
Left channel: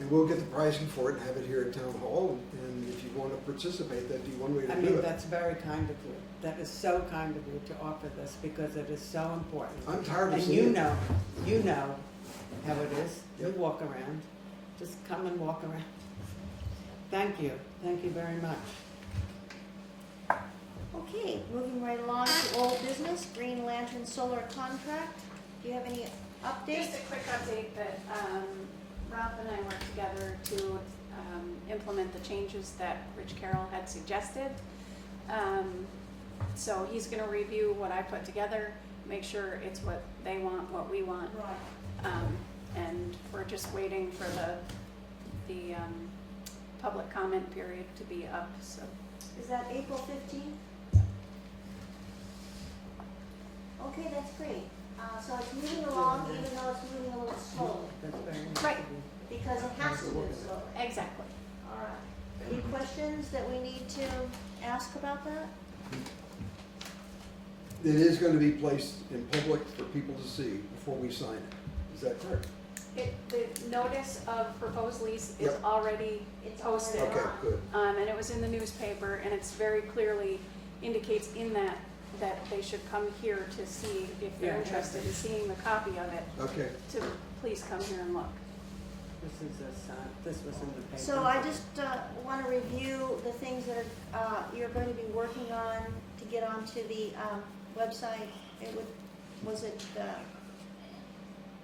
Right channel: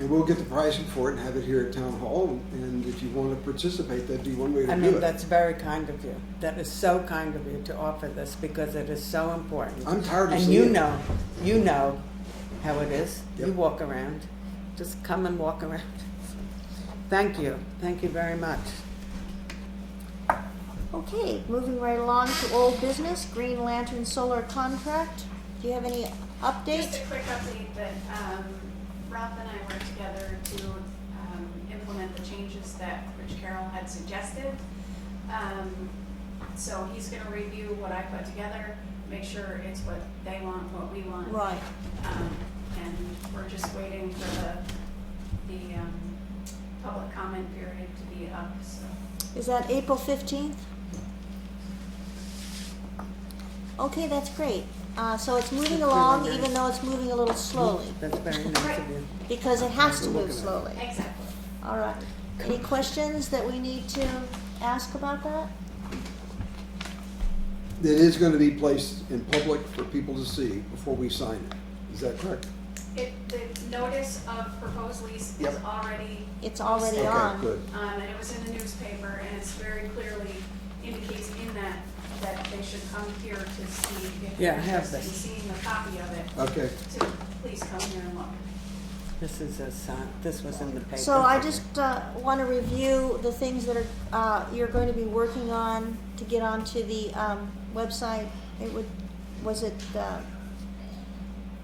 And we'll get the pricing for it and have it here at Town Hall, and if you want to participate, that'd be one way to I do mean, it. that's very kind of you. That is so kind of you to offer this because it is so important. I'm tired of And seeing it. you know how it is. You Yep. walk around. Just come and walk around. Thank you. Thank you very much. Okay, moving right along to old business, Green Lantern Solar Contract. Do you have any updates? Just a quick update that Ralph and I worked together to implement the changes that Rich Carroll had suggested. So he's gonna review what I put together, make sure it's what they want, what we want. Right. And we're just waiting for the public comment period to be up, so. Is that April 15th? Okay, that's great. So it's moving That's along, really nice. even though it's moving a little slowly, That's very nice Right. of you. because it has to move slowly. Exactly. All right. Any questions that we need to ask about that? It is going to be placed in public for people to see before we sign it. Is that correct? The notice of proposed lease is Yep. already It's already posted. on. Okay, good. And it was in the newspaper, and it's very clearly indicates in that they should come here to see if Yeah, they're I have interested in this. seeing a copy of it, Okay. to please come here and look. This is a sign. This was in the paper. So I just want to review the things that are you're going to be working on to get onto the website. Was it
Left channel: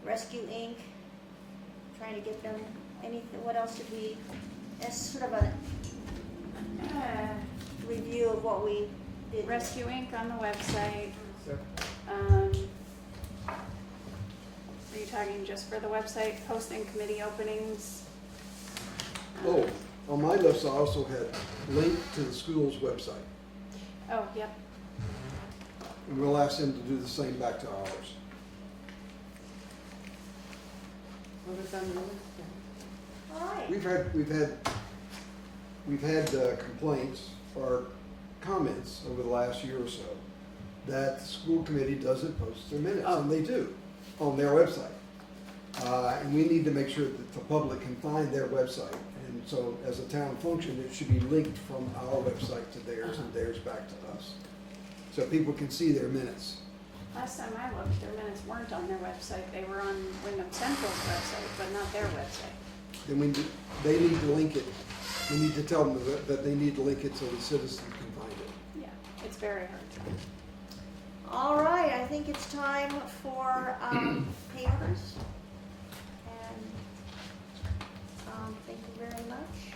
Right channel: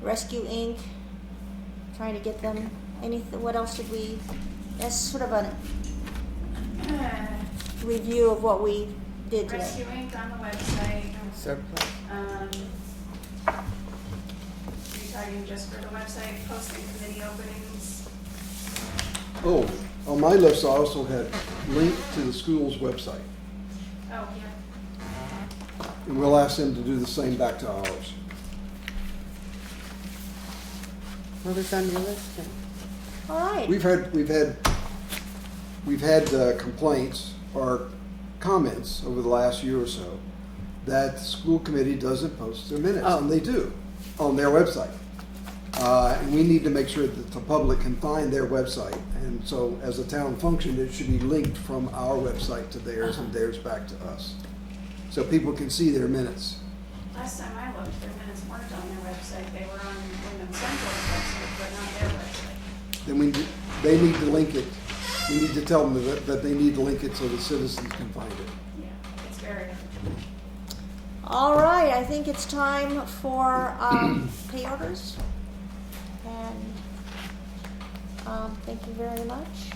Rescue Inc. Trying to get them anything? What else did we? That's sort of a review of what we did today. Rescue Inc. on the website. Surplus. Are you talking just for the website, posting committee openings? Oh, on my list, I also had link to the school's website. Oh, yeah. And we'll ask them to do the same back to ours. What was on your list? All right. We've had complaints or comments over the last year or so that the school committee doesn't post their minutes, Oh. and they do on their website. And we need to make sure that the public can find their website. And so as a town function, it should be linked from our website to theirs and theirs back to us. So people can see their minutes. Last time I looked, their minutes weren't on their website. They were on Wyndham Central's website, but not their website. Then they need to link it. We need to tell them that they need to link it so the citizens can find it. Yeah, it's very hard. All right. I think it's time for pay orders. And thank you very much.